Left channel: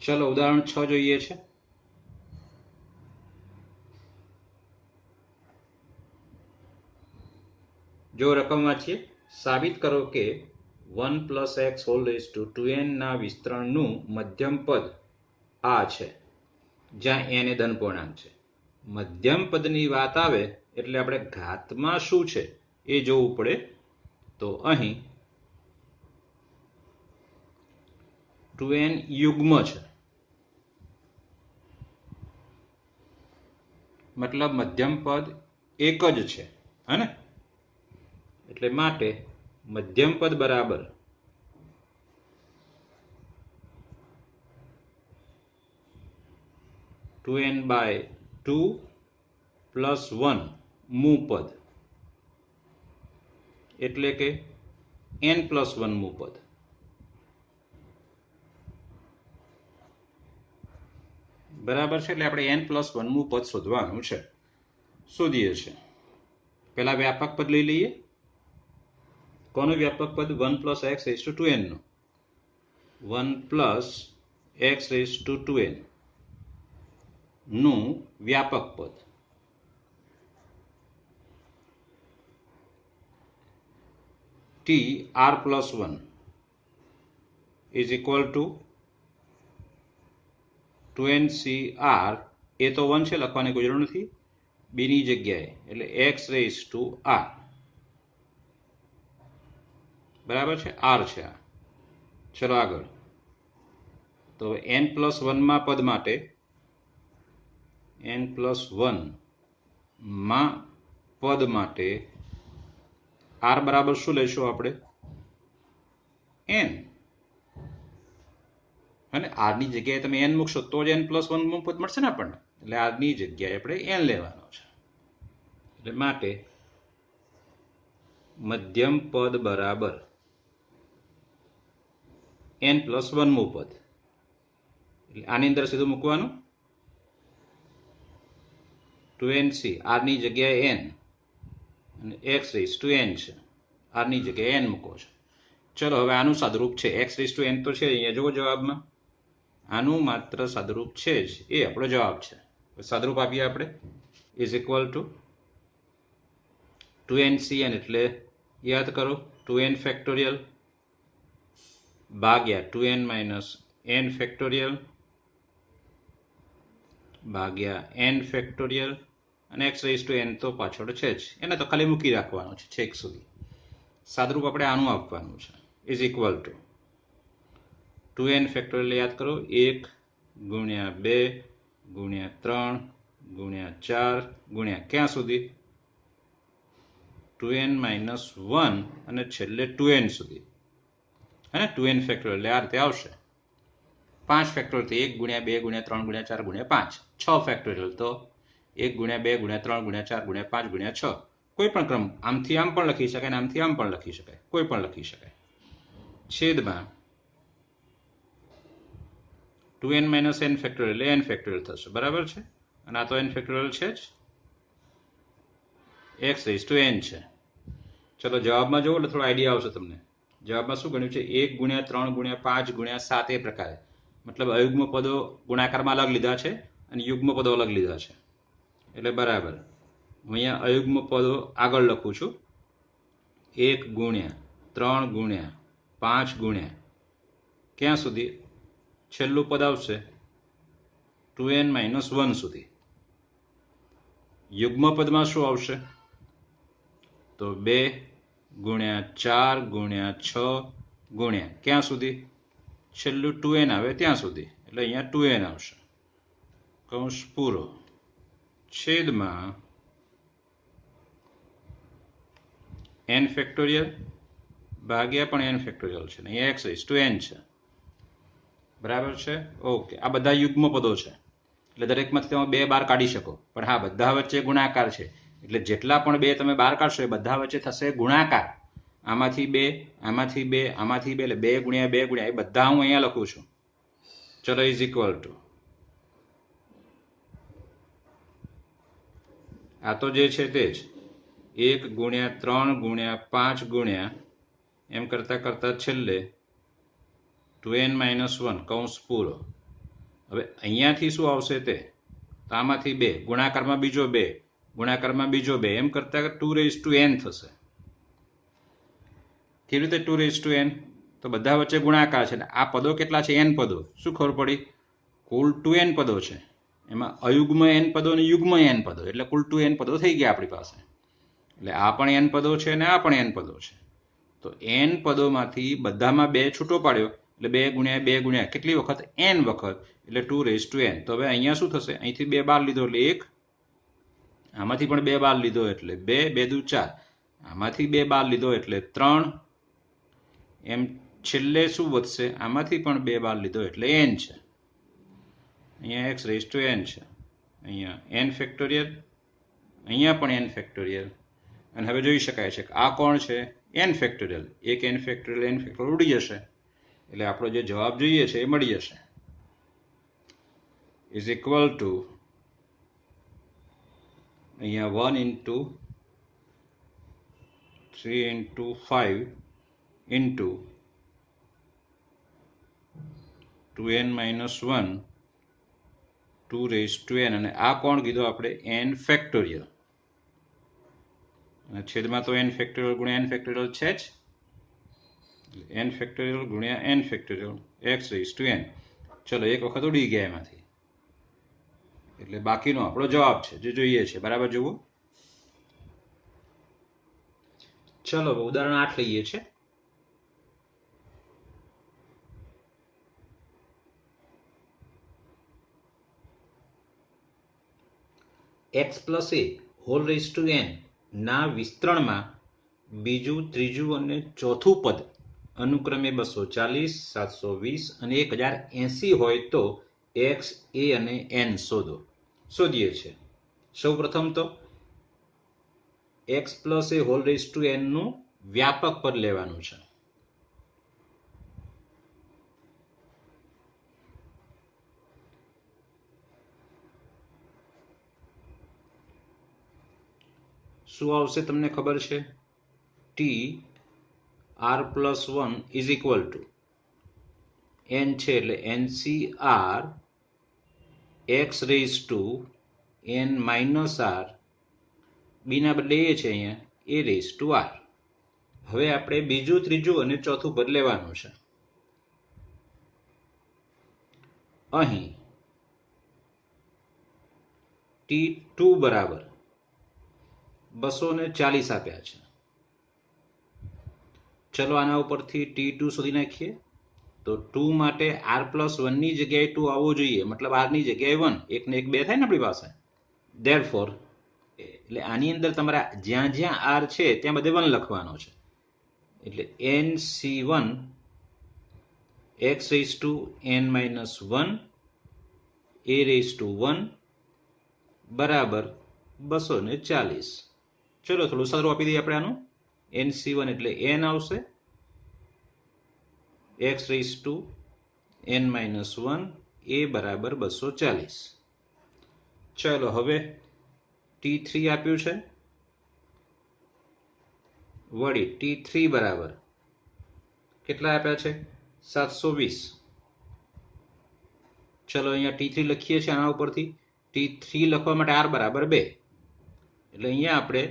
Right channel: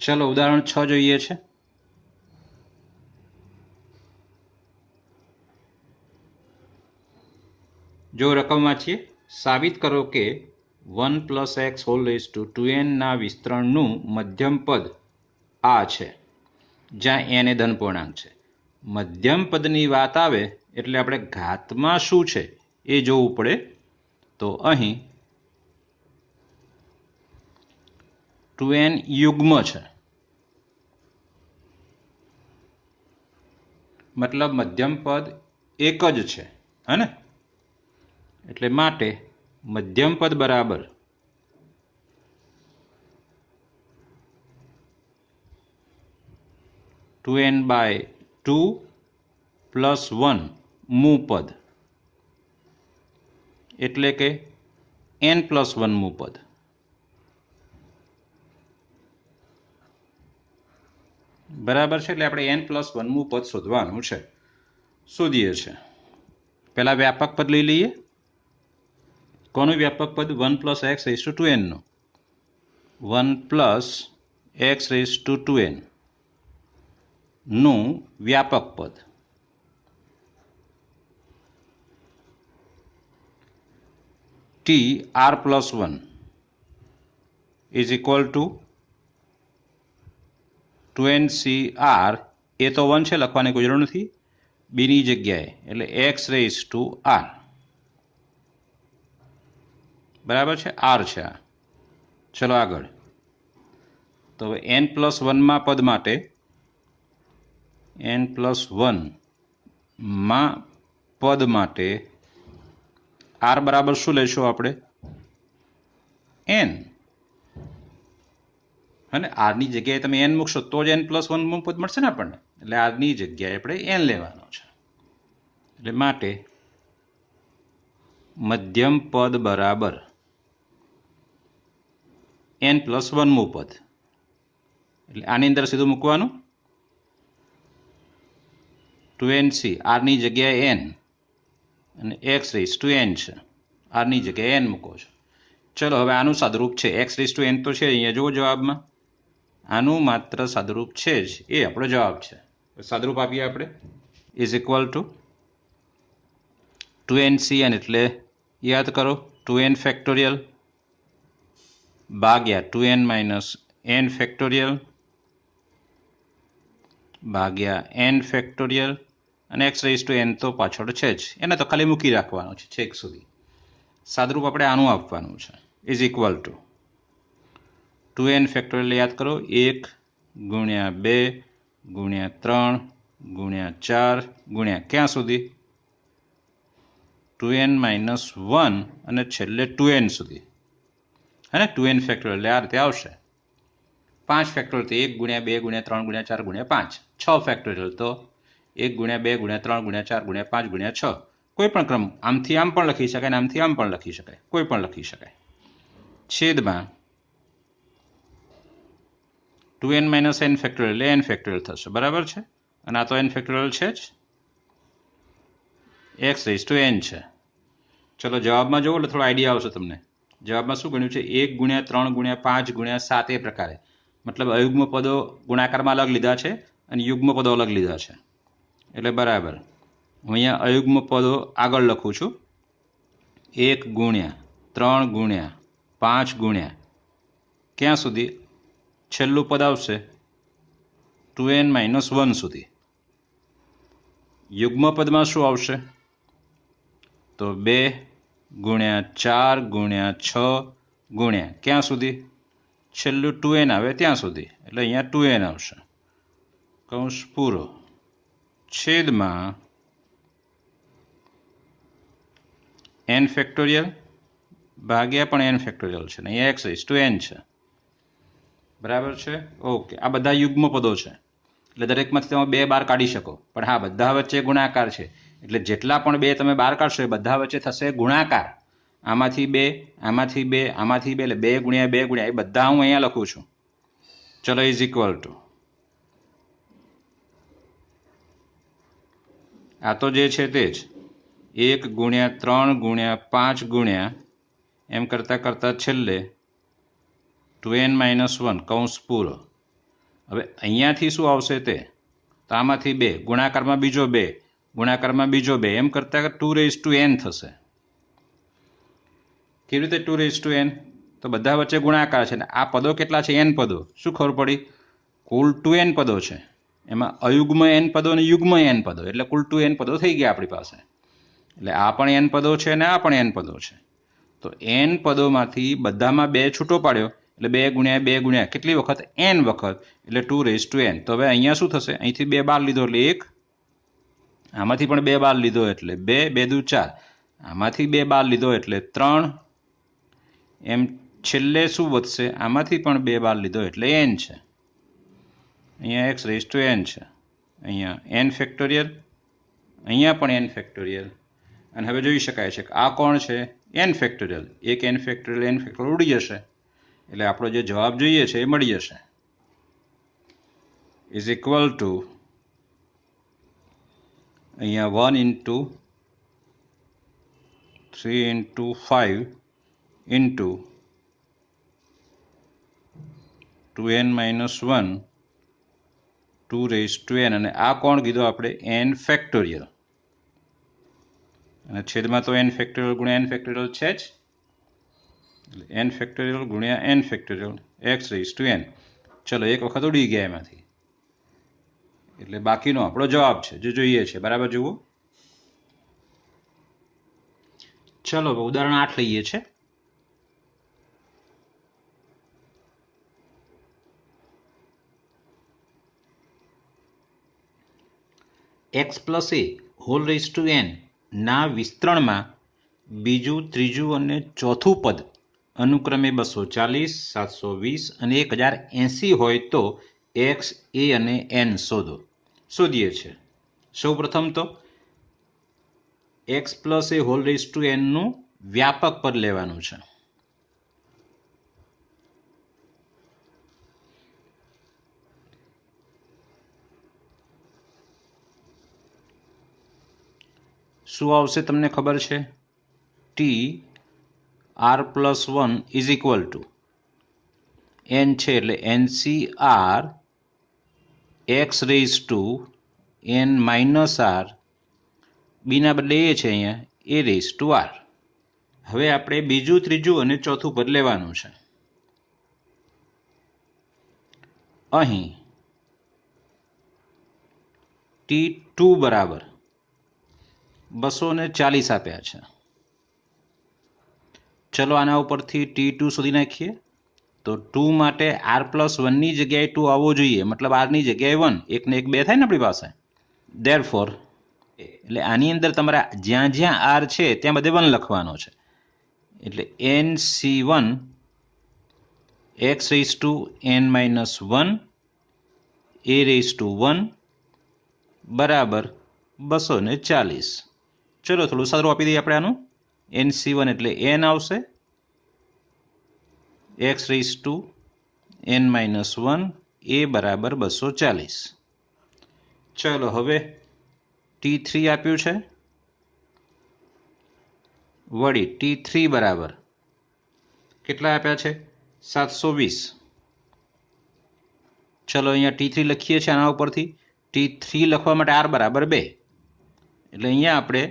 ચલો ઉદાહરણ 6 જોઈએ છે. જો રકમ વાંચીએ, સાબિત કરો કે 1 + x ² 2n ના વિસ્તરણનું મધ્યમ પદ આ છે, જ્યાં n એ ધન પૂર્ણાંક છે. મધ્યમ પદની વાત આવે એટલે આપણે ઘાતમાં શું છે એ જોવું પડે. તો અહીં 2n યુગ્મ છે, મતલબ મધ્યમ પદ એક જ છે, હે ને? એટલે માટે મધ્યમ પદ બરાબર 2n/2 + 1 મૂ પદ, એટલે કે n + 1 મૂ પદ. બરાબર છે. એટલે આપણે n + 1 મૂ પદ શોધવાનું છે. શોધીએ છે. પહેલા વ્યાપક પદ લઈ લઈએ. કોનું વ્યાપક પદ? 1 + x⁴2n નું. 1 + x⁴2n નું વ્યાપક પદ tr+1 = 2ncr. એ તો 1 છે, લખવાની કોઈ જરૂર નથી. બીની જગ્યાએ એટલે x⁴r. બરાબર છે. r છે આ. ચલો આગળ. તો n + 1 માં પદ માટે n + 1 માં પદ માટે r બરાબર શું લઈશું આપણે? n. અને r ની જગ્યાએ તમે n મૂકશો તો જ n + 1 માં પદ મળશે ને આપણને. એટલે r ની જગ્યાએ આપણે n લેવાનો છે. એટલે માટે મધ્યમ પદ બરાબર n + 1 મૂ પદ. એટલે આની અંદર સીધું મૂકવાનું 2nc, r ની જગ્યાએ n અને x⁴n છે, r ની જગ્યાએ n મૂકો છો. ચલો હવે આનું સાદુરૂપ છે. x⁴n તો છે અહીંયા, જુઓ જવાબમાં. આનું માત્ર સાદુરૂપ છે જ, એ આપણો જવાબ છે. સાદુરૂપ આપીએ આપણે = 2ncn, એટલે યાદ કરો 2n ફેક્ટોરિયલ ભાગ્યા 2n - n ફેક્ટોરિયલ ભાગ્યા n ફેક્ટોરિયલ, અને x⁴n તો પાછળ છે જ, એને તો ખાલી મૂકી રાખવાનું છે છેક સુધી. સાદુરૂપ આપણે આનું આપવાનું છે = 2n ફેક્ટોરિયલ યાદ કરો 1 × 2 × 3 × 4 ક્યાં સુધી? 2n - 1 અને છેલ્લે 2n સુધી, હે ને? 2n ફેક્ટોરિયલ આ રીતે આવશે. 5 ફેક્ટોરિયલ તો 1 × 2 × 3 × 4 × 5. 6 ફેક્ટોરિયલ તો 1 × 2 × 3 × 4 × 5 × 6. કોઈ પણ ક્રમ, આમથી આમ પણ લખી શકાય, આમથી આમ પણ લખી શકાય, કોઈ પણ લખી શકાય. છેદમાં 2n - n ફેક્ટોરિયલ એટલે n ફેક્ટોરિયલ થશે. બરાબર છે. અને આ તો n ફેક્ટોરિયલ છે જ, x⁴n છે. ચલો જવાબમાં જુઓ એટલે થોડો આઈડિયા આવશે તમને. જવાબમાં શું ગણ્યું છે? 1 × 3 × 5 × 7 એ પ્રકારે. મતલબ અયુગ્મ પદો ગુણાકારમાં અલગ લીધા છે અને યુગ્મ પદો અલગ લીધા છે. એટલે બરાબર. હું અહીંયા અયુગ્મ પદો આગળ લખું છું. 1 × 3 × 5 ક્યાં સુધી? છેલ્લું પદ આવશે 2n - 1 સુધી. યુગ્મ પદમાં શું આવશે? તો 2 × 4 × 6 ક્યાં સુધી? છેલ્લું 2n આવે ત્યાં સુધી. એટલે અહીંયા 2n આવશે, કૌંસ પૂરો, છેદમાં n ફેક્ટોરિયલ ભાગ્યા પણ n ફેક્ટોરિયલ છે, અહીંયા x⁴n છે. બરાબર છે. ઓકે. આ બધા યુગ્મ પદો છે, એટલે દરેકમાંથી તમે 2 બહાર કાઢી શકો. પણ હા, બધા વચ્ચે ગુણાકાર છે, એટલે જેટલા પણ 2 તમે બહાર કાઢશો એ બધા વચ્ચે થશે ગુણાકાર. આમાંથી 2, આમાંથી 2, આમાંથી 2, એટલે 2 × 2 એ બધા હું અહીંયા લખું છું. ચલો આ તો જે છે તે જ 1 × 3 × 5 એમ કરતાં કરતાં છેલ્લે 2n - 1 કૌંસ પૂરો હવે અહીંયાથી શું આવશે તે તો આમાંથી 2 ગુણાકારમાં બીજો 2 ગુણાકારમાં બીજો 2 એમ કરતાં 2n થશે. કેવી રીતે 2n? તો બધા વચ્ચે ગુણાકાર છે ને આ પદો કેટલા છે? n પદો. શું ખબર પડી? કુલ 2n પદો છે, એમાં અયુગ્મ n પદો અને યુગ્મ n પદો, એટલે કુલ 2n પદો થઈ ગયા આપણી પાસે. એટલે આ પણ n પદો છે અને આ પણ n પદો છે. તો n પદોમાંથી બધામાં 2 છૂટો પાડ્યો એટલે 2 ગુણ્યા 2 ગુણ્યા કેટલી વખત? n વખત, એટલે 2n. તો હવે અહીંયા શું થશે? અહીંથી 2 બાર લીધો એટલે 1, આમાંથી પણ 2 બાર લીધો એટલે 2, 2 દુ 4, આમાંથી 2 બાર લીધો એટલે 3, એમ છેલ્લે શું વધશે? આમાંથી પણ 2 બાર લીધો એટલે n છે. અહીંયા x⁻n છે, અહીંયા n ફેક્ટોરિયલ, અહીંયા પણ n ફેક્ટોરિયલ. અને હવે જોઈ શકાય છે કે આ કોણ છે? n factorial. એક n ફેક્ટોરિયલ ઉડી જશે એટલે આપણો જે જવાબ જોઈએ છે એ મળી જશે. ઇઝ ઇક્વલ ટુ અહીંયા 1 into 3 into 5 into 2n-1 2n, અને આ કોણ કીધું આપણે? n factorial. અને છેદમાં તો n ફેક્ટોરિયલ ગુણ્યા n ફેક્ટોરિયલ છે જ, એટલે n ફેક્ટોરિયલ ગુણ્યા n ફેક્ટોરિયલ x⁻n. ચલો એક વખત ઉડી ગયા એમાંથી, એટલે બાકીનો આપણો જવાબ છે જે જોઈએ છે. બરાબર જુઓ. ચલો ઉદાહરણ 8 લઈએ છે. x+a² ના વિસ્તરણમાં બીજું, ત્રીજું અને ચોથું પદ અનુક્રમે 240, 720 અને 1080 હોય તો x, a અને n શોધીએ છે. સૌ પ્રથમ તો x+a² નું વ્યાપક પદ લેવાનું છે. શું આવશે તમને ખબર છે? tr+1 is equal two n છે એટલે NCR x⁻n-r, બીના બદલે એ છે અહીંયા a⁻r. હવે આપણે બીજું, ત્રીજું અને ચોથું પદ લેવાનું છે. અહીં t2 બરાબર 240 આપ્યા છે. ચલો આના ઉપરથી t2 શોધી નાખીએ. તો 2 માટે r+1 ની જગ્યાએ 2 આવવો જોઈએ, મતલબ r ની જગ્યાએ 1, 1 ને 1 2 થાય ને આપણી પાસે. ધેરફોર એટલે આની અંદર તમારે જ્યાં જ્યાં r છે ત્યાં બધે 1 લખવાનો છે. એટલે NC1 x⁻n-1 a⁻1 બરાબર 240. ચલો થોડું સારું આપી દઈએ આપણે આનું. NC1 એટલે n આવશે, x⁻n-1 a બરાબર 240. ચલો હવે t3 આપ્યું છે, વળી t3 બરાબર કેટલા આપ્યા છે? 720. ચલો અહીંયા t3 લખીએ છીએ. આના ઉપરથી t3 લખવા માટે r બરાબર 2, એટલે અહીંયા આપણે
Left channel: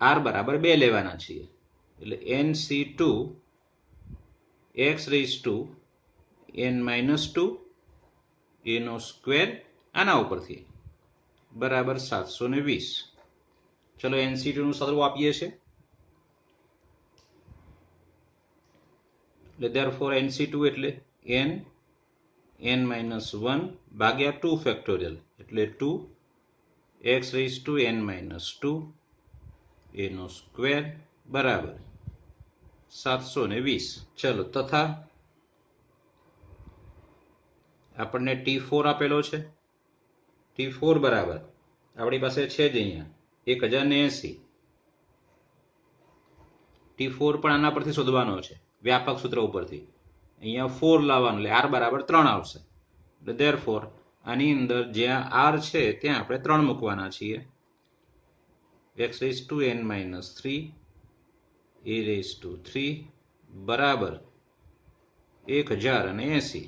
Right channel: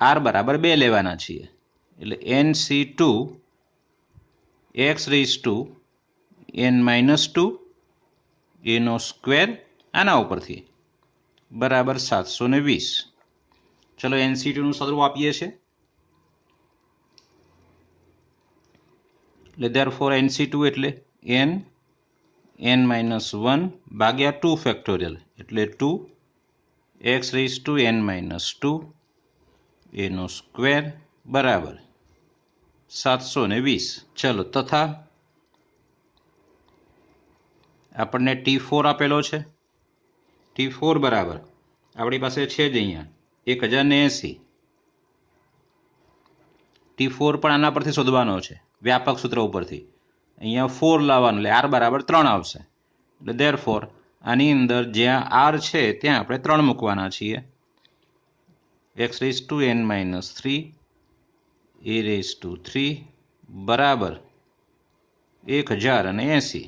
r બરાબર 2 લેવાના છીએ. એટલે NC2 x⁻n-2 એનો સ્ક્વેર આના ઉપરથી બરાબર 720. ચલો NC2 નું સ્વરૂપ આપીએ છીએ. એટલે ધેરફોર NC2 એટલે n-1 ભાગ્યા 2 ફેક્ટોરિયલ, એટલે 2 x⁻n-2 એનો સ્ક્વેર બરાબર 720. ચલો તથા આપણને t4 આપેલો છે. t4 બરાબર આપણી પાસે છે જ અહીંયા 1080. t4 પણ આના પરથી શોધવાનો છે, વ્યાપક સૂત્ર ઉપરથી. અહીંયા 4 લાવવાનું એટલે r બરાબર 3 આવશે. એટલે ધેરફોર આની અંદર જ્યાં r છે ત્યાં આપણે 3 મૂકવાના છીએ. x⁻n-3 a⁻3 બરાબર 1080.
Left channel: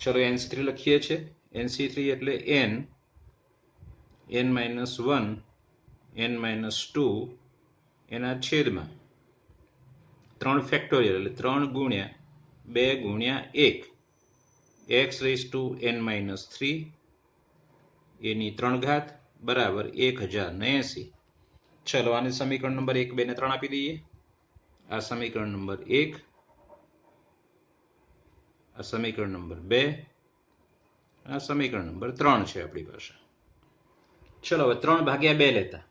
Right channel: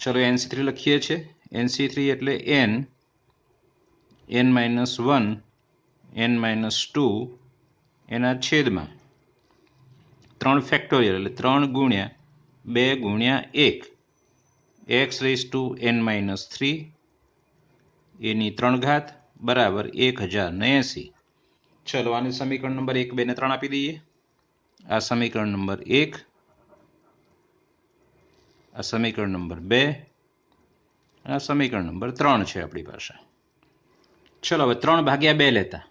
ચલો NC3 લખીએ છીએ. NC3 એટલે n -1 n -2 એના છેદમાં 3 ફેક્ટોરિયલ એટલે 3 ગુણ્યા 2 ગુણ્યા 1 x⁻n -3 એની 3 ઘાત બરાબર 1080. ચલો આને સમીકરણ નંબર 1, 2 ને 3 આપી દઈએ. આ સમીકરણ નંબર 1, આ સમીકરણ નંબર 2, આ સમીકરણ નંબર 3 છે આપણી પાસે. ચલો હવે 3/2 લેતા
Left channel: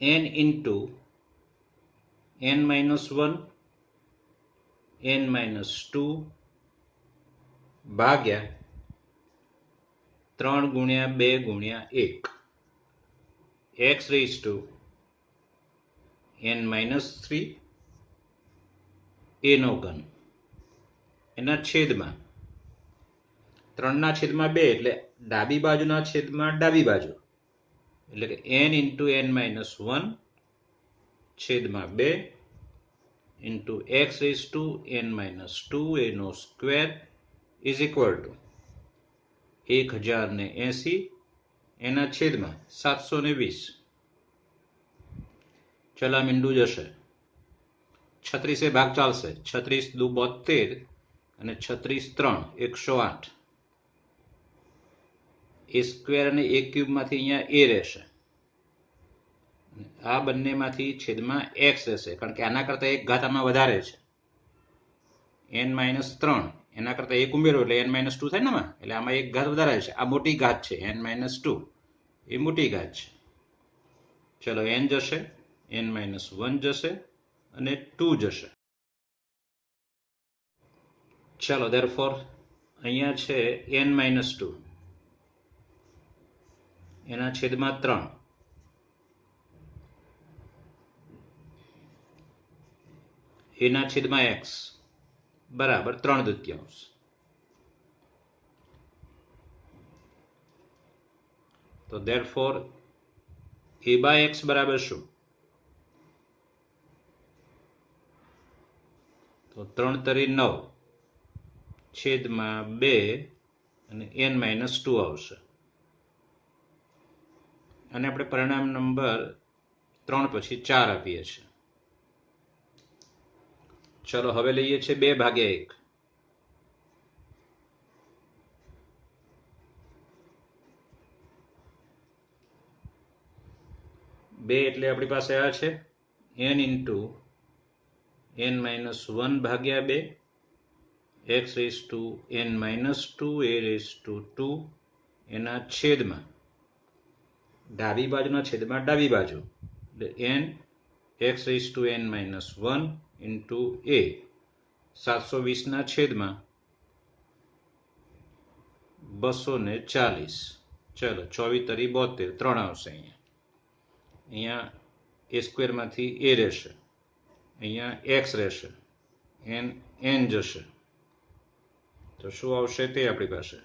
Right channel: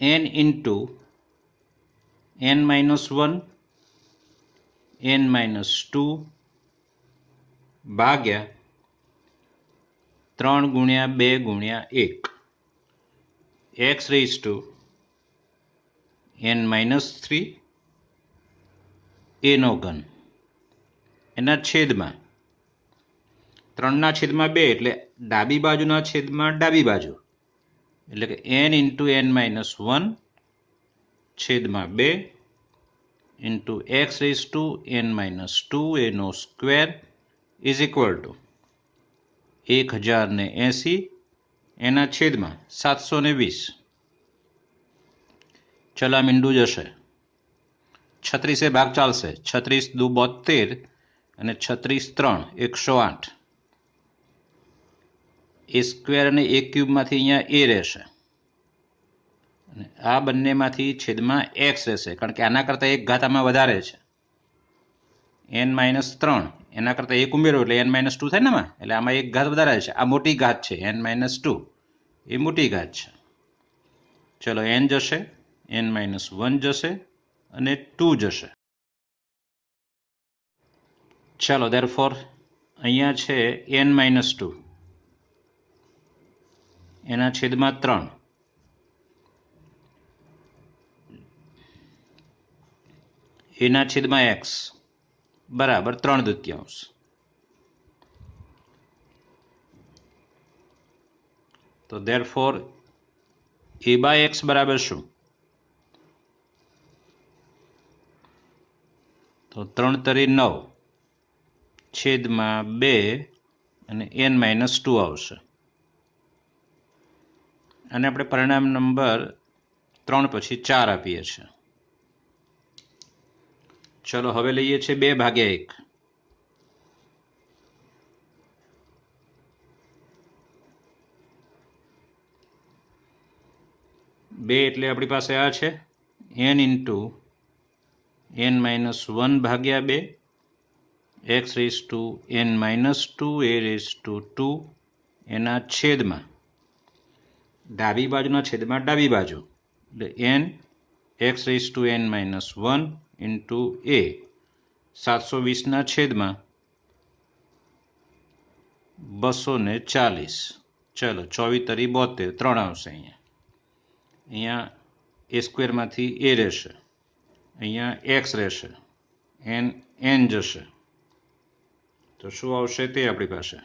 n into n -1 n -2 ભાગ્યા 3 ગુણ્યા 2 ગુણ્યા 1 x⁻n -3 એનો ઘન એના છેદમાં 3 ના છેદમાં 2 એટલે ડાબી બાજુના છેદમાં ડાબી બાજુ એટલે કે n into n -1 છેદમાં 2 into x⁻n -2 એનો સ્ક્વેર ઇઝ ઇક્વલ ટુ 1080 એના છેદમાં 720. ચલા મીંડું જશે, 36 ભાગ ચાલશે, 36 દુ 72 અને 36 3 108. એ સ્ક્વેર અને એ ક્યુબમાંથી અહીંયા એ રહેશે અને આ બંનેમાંથી છેદમાં x રહેશે, કારણ કે આના કરતાં 1 ઘાત આમાં વધારે છે. n -3 એના કરતાં 1 ઉમેરો એટલે n -2 થાય ને આમાં, એટલે આમાં 1 ઘાત વધારે છે. આ મોટી ઘાત છે, n -2 એ મોટી ઘાત છે. ચલો n જશે, n -1 જશે અને 2 જશે. ચલો ધેરફોર અહીંયા છે n -2 એના છેદમાં 3 એના છેદમાં x બરાબર 3/2. તો ધેરફોર a/x બરાબર શું? તો 3 તરી 9 છેદમાં 2 અને n -2 આવશે. અને આપણે પરિણામ નંબર 3 પછી 4 આપીએ છીએ. ચલો હવે લઈએ છીએ 2/1. 2 એટલે આપણી પાસે આ છે n into n -1 ભાગ્યા 2 x⁻n -2 a⁻2 એના છેદમાં ડાબી બાજુના છેદમાં ડાબી બાજુ એટલે n x⁻n -1 into a 720 ના છેદમાં 240. ચલો 24 તરી 72 3 આવશે. અહીંયા a સ્ક્વેરમાંથી a રહેશે, અહીંયા x રહેશે, n જશે, તો શું આવશે તે આપણી પાસે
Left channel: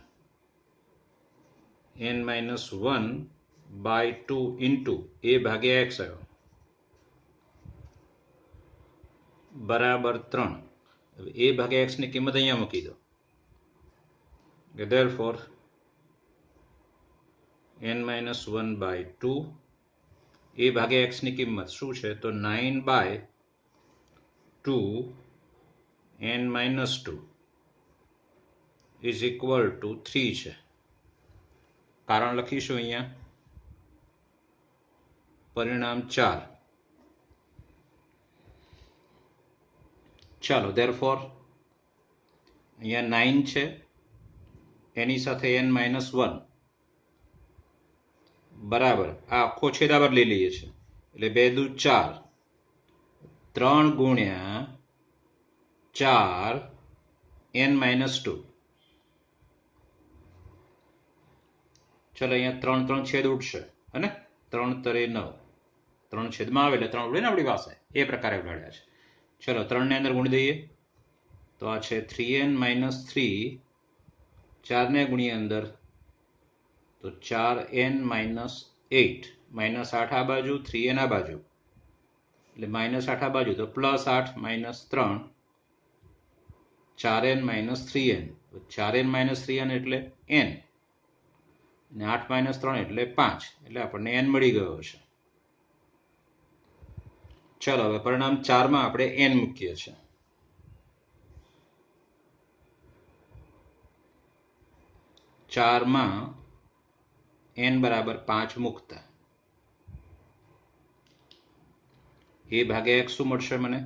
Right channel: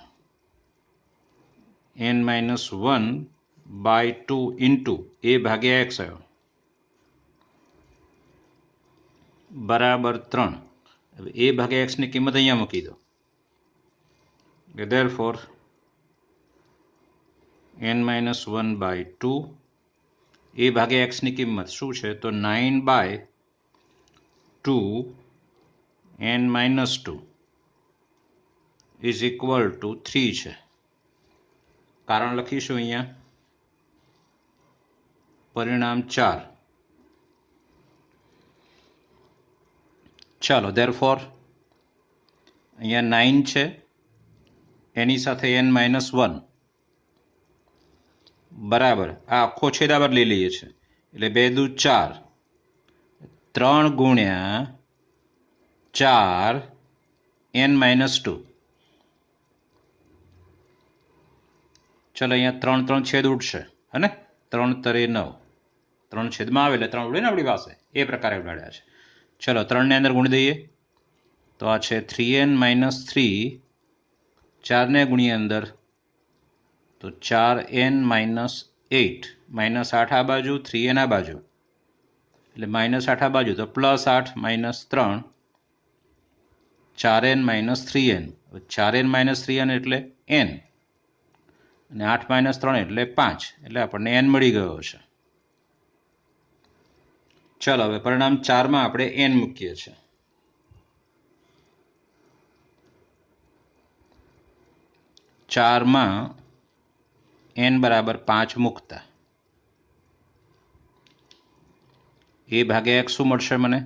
n -1/2 into a ભાગ્યા x આવ્યો બરાબર 3. હવે a ભાગ્યા x ની કિંમત અહીંયા મૂકી દો. ધેરફોર n -1/2 a ભાગ્યા x ની કિંમત શું છે? તો 9/2 n -2 ઇઝ ઇક્વલ ટુ 3 છે. કારણ લખીશું અહીંયા, પરિણામ 4. ચાલો ધેરફોર અહીંયા 9 છે, એની સાથે n -1 બરાબર આ આખો છેદાવર લઈ લઈએ છીએ એટલે 2 દુ 4, 3 ગુણ્યા 4 n -2. ચલો અહીંયા 3 3 છેદ ઉડશે હે ને, 3 તરે 9, 3 છેદમાં આવે એટલે 3 ઉડે ને આપણી પાસે, એ પ્રકારે ઉડાડ્યા છે. ચલો 3 ને અંદર ગુણી દઈએ તો આ છે 3n -3, 4 ને ગુણીએ અંદર તો 4n -8 -8 આ બાજુ, 3n આ બાજુ, એટલે -8 આ બાજુ તો +8 -3, 4n - 3n, 4n - 3n એટલે n, અને 8 - 3 એટલે 5, એટલે આપણને n મળી ગયો છે. ચાલો હવે પરિણામ 4માં આપણે n મૂકીએ છીએ. 4માં n બરાબર 5 મૂકતા a ભાગ્યા x શું મળશે મને?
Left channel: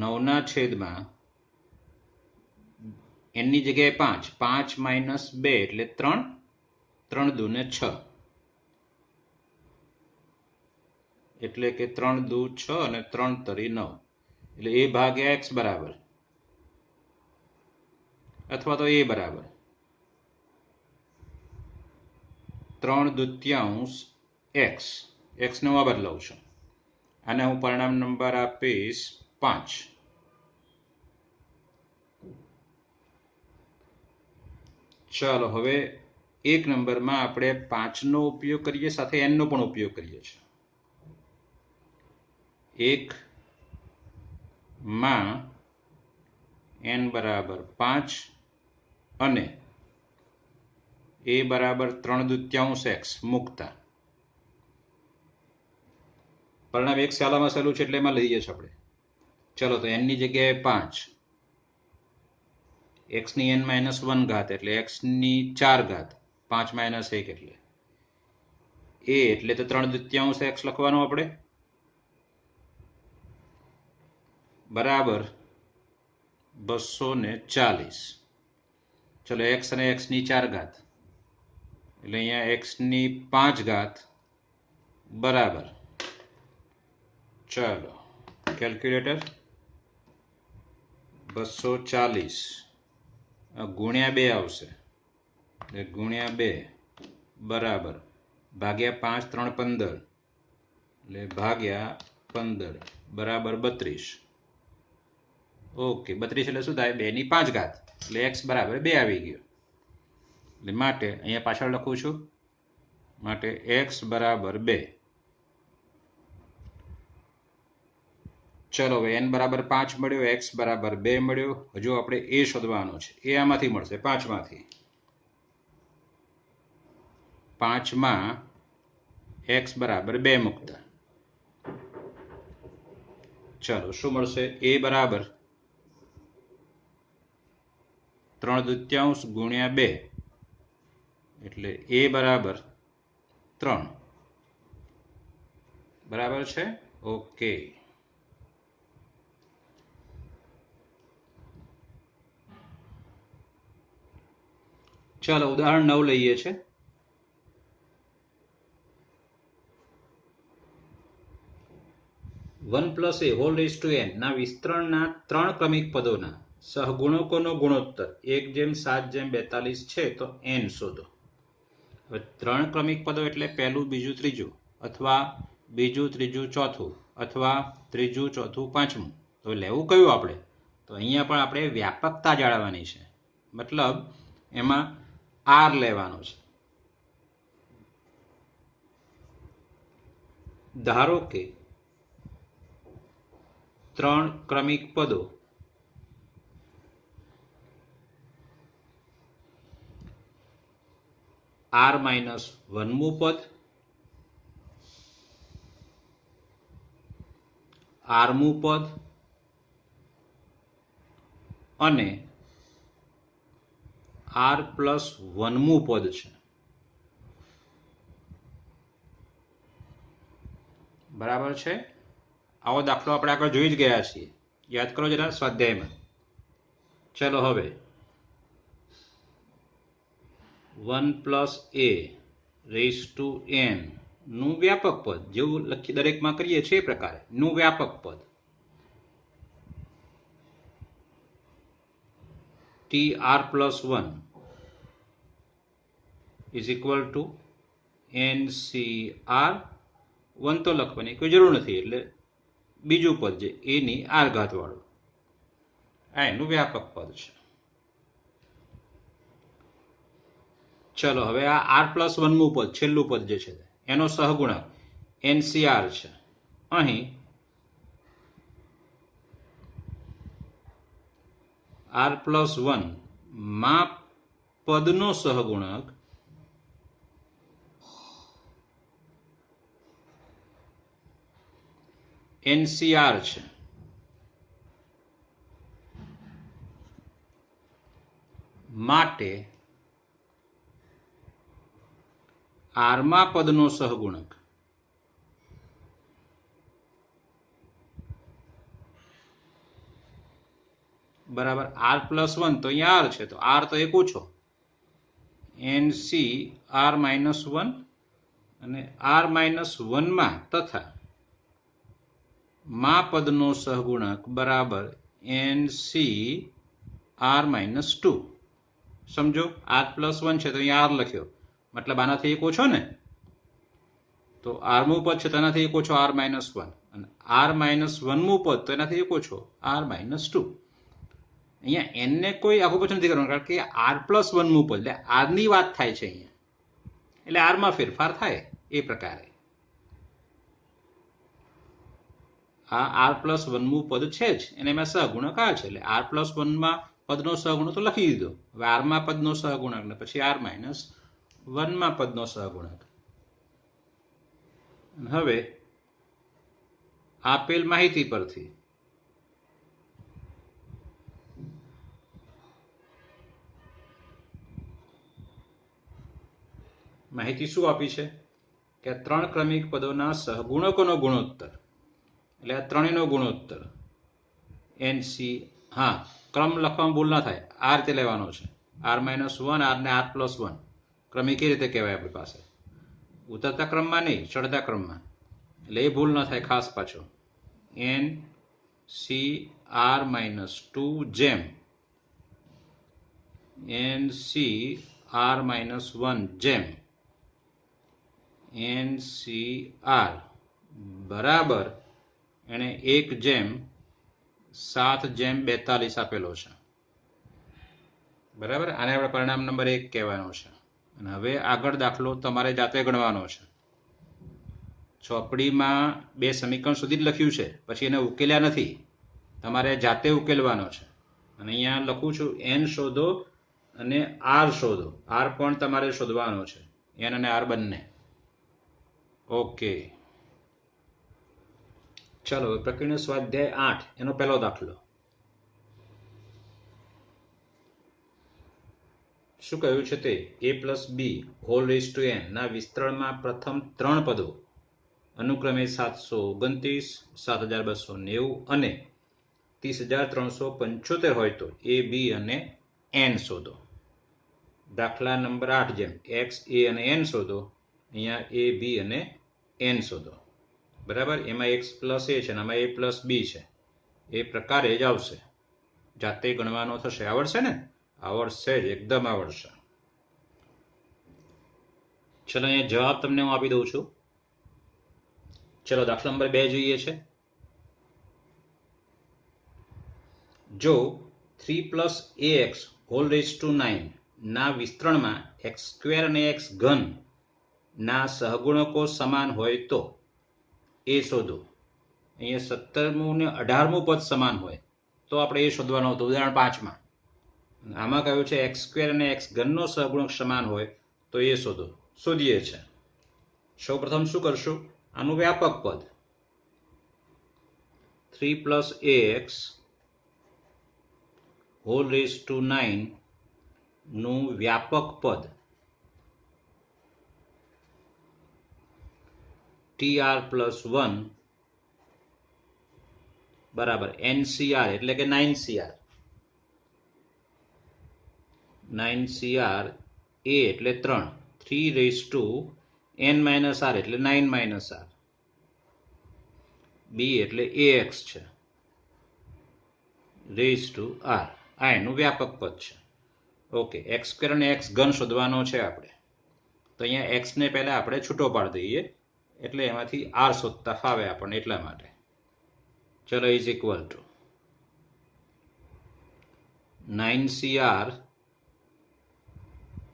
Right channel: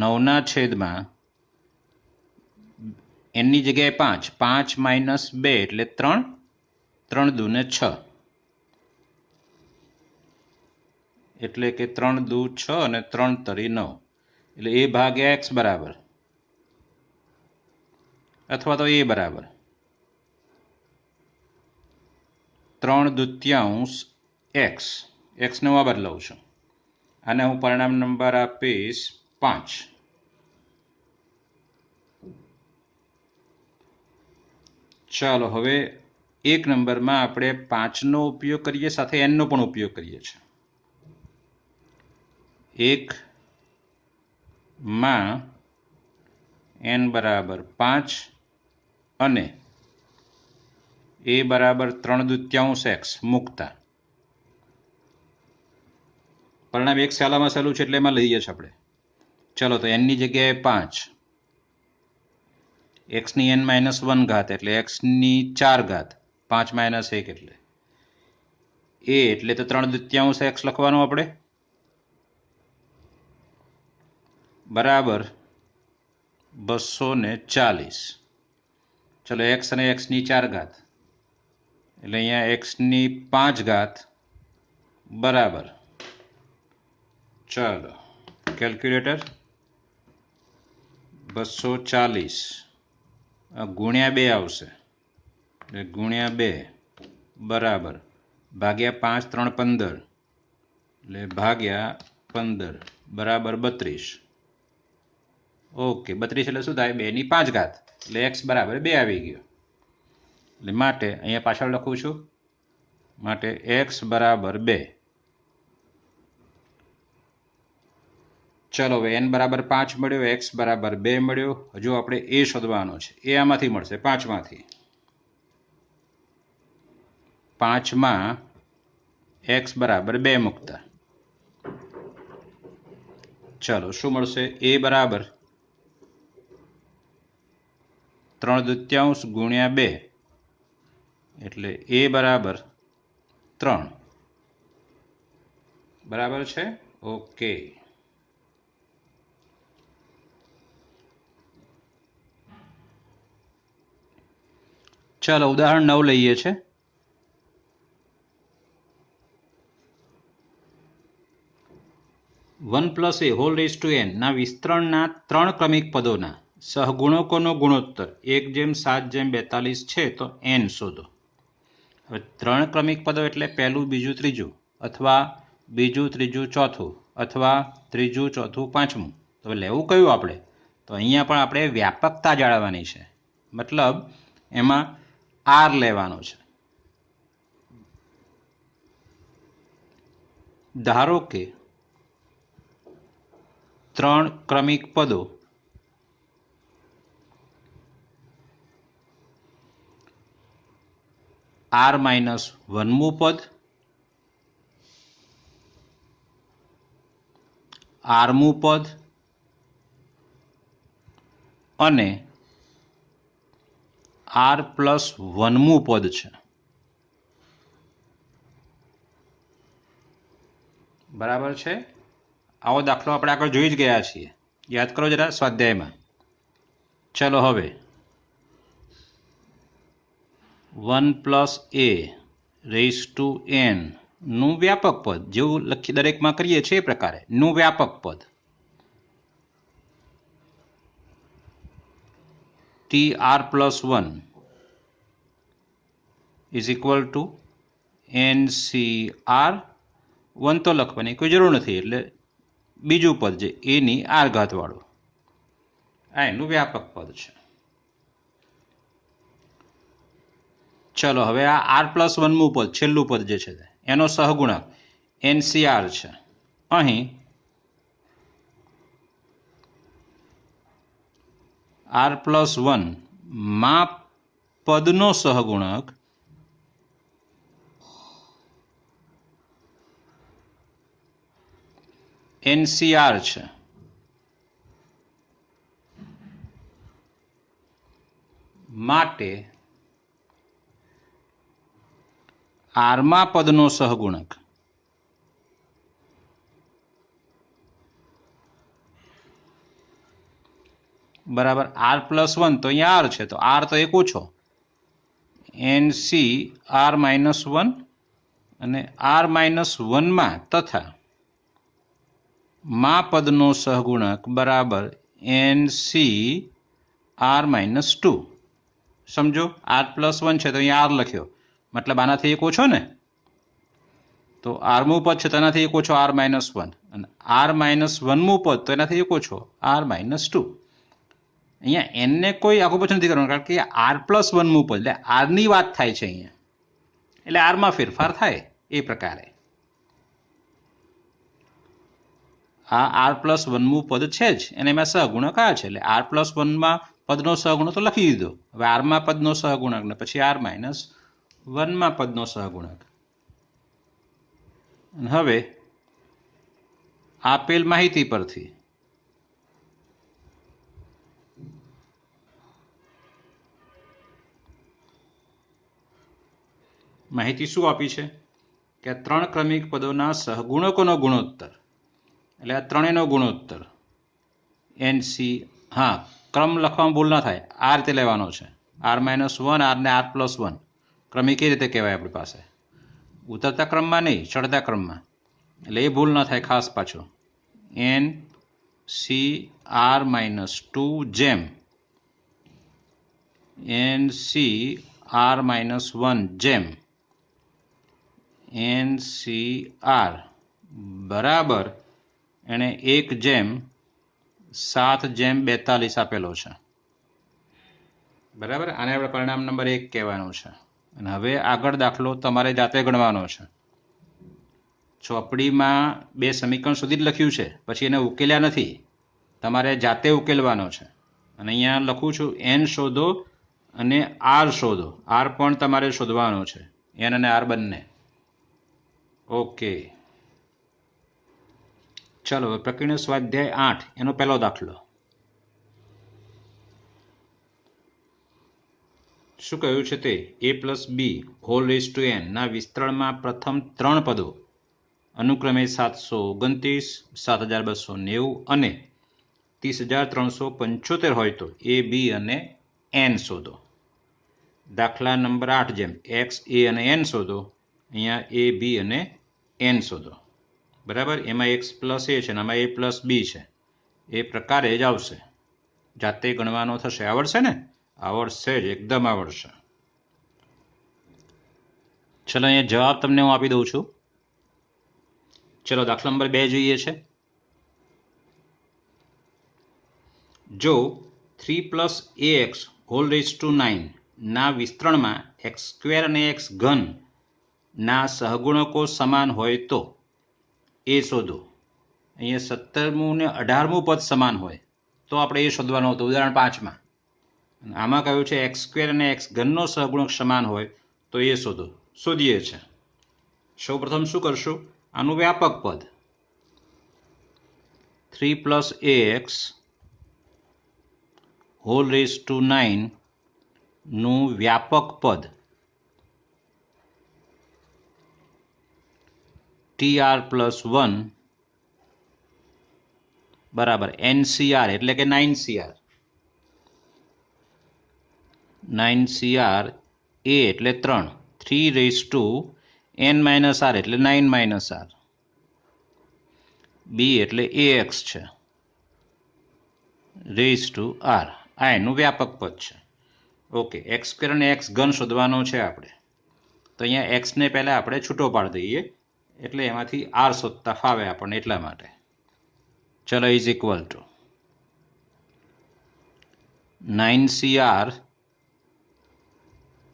9ના છેદમાં n ની જગ્યાએ 5, 5 - 2 એટલે 3, 3 દુ ને 6, એટલે કે 3 દુ 6 અને 3 તરી 9, એટલે a ભાગ્યા x બરાબર, અથવા તો a બરાબર 3/2 x, x ને હું બદલાવું છું, આને હું પરિણામ નંબર આપીશ 5. ચાલો હવે એક નંબરમાં આપણે 5નો ઉપયોગ કરીએ, સાથે nનો પણ ઉપયોગ કરીએ છીએ. 1માં n બરાબર 5 અને a બરાબર 3/2 x મૂકતા પરિણામ એક સહેલામાં સહેલું છે એટલે એમાં લઈએ છીએ આપણે. ચલો તો n ની જગ્યાએ 5, x ની n - 1 ઘાત એટલે x ની 4 ઘાત, 5 - 1 એટલે a એટલે તો 3/2 x લખવાનું આપણે, બરાબર 240. ચલો x અને x ની 4 ઘાત એટલે અહીંયા x ની 5 ઘાત બરાબર, ચાલો કેલ્ક્યુલેટર, 240 ગુણ્યા 2 આવશે, એટલે ગુણ્યા 2 બરાબર ભાગ્યા 5 3 15, એટલે ભાગ્યા 15 બરાબર 32. ઓકે, 32 એટલે શું થાય? 2 ની 5 ઘાત, એટલે x બરાબર 2 આવી ગયો. એટલે માટે અહીંયા પાછળ લખું છું, માટે x બરાબર 2. ચલો હવે n બરાબર 5 મળ્યો, x બરાબર 2 મળ્યો. હજુ આપણે a શોધવાનો છે. એ આમાંથી મળશે, 5માંથી. 5માં x બરાબર 2 મૂકતા ચલો શું મળશે? a બરાબર 3/2 ગુણ્યા 2 એટલે a બરાબર 3, બરાબર છે. ઓકે, ચાલો ઉદાહરણ 9 લઈએ છે. +1 a whole raise to n ના વિસ્તરણના 3 ક્રમિક પદોના સહગુણકોનો ગુણોત્તર 1/7/42 છે તો n શોધો. હવે 3 ક્રમિક પદો એટલે પહેલું, બીજું, ત્રીજું, અથવા બીજું, ત્રીજું, ચોથું, અથવા ત્રીજું, ચોથું, પાંચમું. તો લેવું કયું આપણે? તો અહીંયા પણ આપણે વ્યાપકતા જાળવવાની છે, મતલબ એમાં r લેવાનો છે. ધારો કે 3 ક્રમિક પદો r - 1મું પદ, rમું પદ અને r + 1મું પદ છે. બરાબર છે. આવો દાખલો આપણે આગળ જોઈ જ ગયા છીએ, યાદ કરો જરા સ્વાધ્યાયમાં. ચલો હવે 1 + a રેઝ ટુ n નું વ્યાપક પદ, જેવું લખી દરેકમાં કરીએ છીએ એ પ્રકારે નું વ્યાપક પદ tr + 1 = ncr. 1 તો લખવાની કોઈ જરૂર નથી, એટલે બીજું પદ જે a ની r ઘાત વાળું, આ એનું વ્યાપક પદ છે. ચલો હવે આ r+1મું પદ છેલ્લું પદ જે છે એનો સહગુણક NCR છે. અહીં r+1 માં પદનો સહગુણક NCR છે. માટે આરમાં પદનો સહગુણક બરાબર r+1 તો અહીંયા r છે તો r તો એક ઓછો NCR-1 અને r-1 માં તથા માં પદનો સહગુણક બરાબર NCR-2. સમજો r+1 છે તો અહીંયા r લખ્યો મતલબ આનાથી એક ઓછો ને તો r મું પદ છે તો એનાથી એક ઓછો r-1 અને r-1મું પદ તો એનાથી એક ઓછો r-2. અહીંયા n ને કોઈ આખું પછી નથી કરવાનું કારણ કે r+1મું પદ એટલે r ની વાત થાય છે અહીંયા એટલે r માં ફેરફાર થાય એ પ્રકારે આ r+1મું પદ છે જ અને એમાં સહગુણક આ છે એટલે r+1 માં પદનો સહગુણક તો લખી દીધો. હવે r માં પદનો સહગુણક ને પછી r-1 માં પદનો સહગુણક. હવે આપેલ માહિતી પરથી માહિતી શું આપી છે કે આ ત્રણ ક્રમિક પદોના સહગુણકોનો ગુણોત્તર એટલે આ ત્રણેયનો ગુણોત્તર NC હા ક્રમ લખવામાં ભૂલ ના થાય આ રીતે લેવાનો છે r-1 r ને r+1 ક્રમિક એ રીતે કહેવાય આપણી પાસે ઉતરતા ક્રમમાં નહીં ચડતા ક્રમમાં એટલે એ ભૂલ ના થાય ખાસ પાછો NCR-2 જેમ NCR-1 જેમ NCR બરાબર એને 1/7/42 આપેલો છે બરાબર. આને આપણે પરિણામ નંબર 1 કહેવાનું છે. અને હવે આગળ દાખલો તમારે જાતે ગણવાનો છે. ચોપડીમાં બે સમીકરણ સુધી જ લખ્યું છે પછી એને ઉકેલ્યા નથી તમારે જાતે ઉકેલવાનો છે. અને અહીંયા લખું છું n શોધો અને r શોધો r પણ તમારે શોધવાનો છે n અને r બંને. ઓકે ચાલો હવે પ્રકરણ સ્વાધ્યાય 8 એનો પહેલો દાખલો શું કહ્યું છે તે a+b² ના વિસ્તરણમાં પ્રથમ ત્રણ પદો અનુક્રમે 729, 7290 અને 30375 હોય તો a, b અને n શોધો. દાખલા નંબર 8 જેમ x, a અને n શોધો અહીંયા a, b અને n શોધો બરાબર. એમાં x પ્લસ a છે અને આમાં a પ્લસ b છે એ પ્રકારે જ આવશે. જાતે ગણવાનો થશે. આવડશે ને? આવડશે જ એકદમ આવડશે. ચલો અહીંયા જવાબ તમને હું આપી દઉં છું. ચલો દાખલા નંબર 2 જોઈએ છે. જો 3+ax² ના વિસ્તરણમાં x² અને x³ ના સહગુણકો સમાન હોય તો એ શોધો. અહીંયા 17મું ને 18મું પદ સમાન હોય તો આપણે એ શોધવાનું હતું ઉદાહરણ 5 માં. આમાં કહ્યું છે x² અને x³ નો સહગુણક સમાન હોય તો એ શોધો. શોધીએ છે. સૌપ્રથમ શું કરશું આનું વ્યાપક પદ 3+ax² નું વ્યાપક પદ tr+1 બરાબર NCR એટલે કે 9CR. 9CR a એટલે 3 3n r એટલે 9 r b એટલે ax છે r આ એનું વ્યાપક પદ છે. ઓકે x² અને x³ શોધવાનો છે આપણે તો અહીંયા x ને પહેલા આપણે છૂટો પાડી દઈએ એટલે એમાંથી r શોધતા ફાવે આપણને એટલા માટે. ચલો is equal to 9CR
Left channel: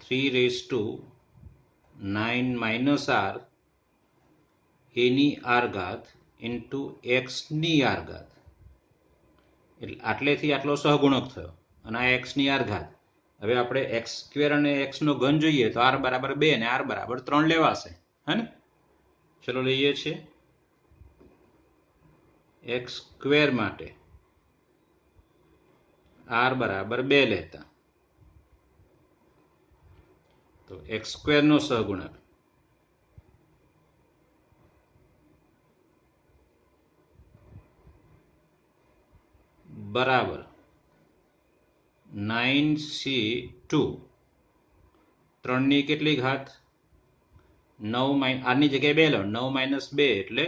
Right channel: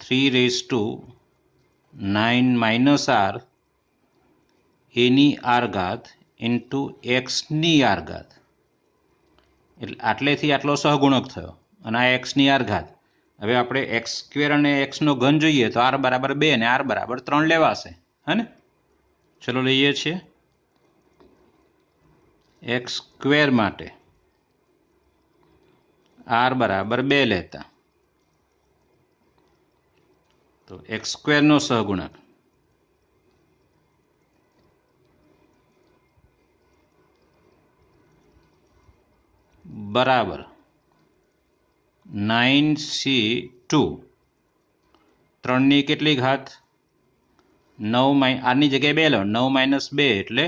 3⁻9 minus R એની આર ઘાત ઇન્ટુ એક્સની આર ઘાત, એટલે આટલેથી આટલો સહગુણક થયો અને આ એક્સની આર ઘાત. હવે આપણે એક્સ સ્ક્વેર અને એક્સનો ઘન જોઈએ તો આર બરાબર 2 અને આર બરાબર 3 લેવાશે. હા ને? ચલો લઈએ છીએ. એક્સ સ્ક્વેર માટે આર બરાબર 2 લેતા તો એક્સ સ્ક્વેરનો સહગુણક બરાબર 9c2, 3ની કેટલી ઘાત? 9 આરની જગ્યાએ 2 લો, 9 - 2 એટલે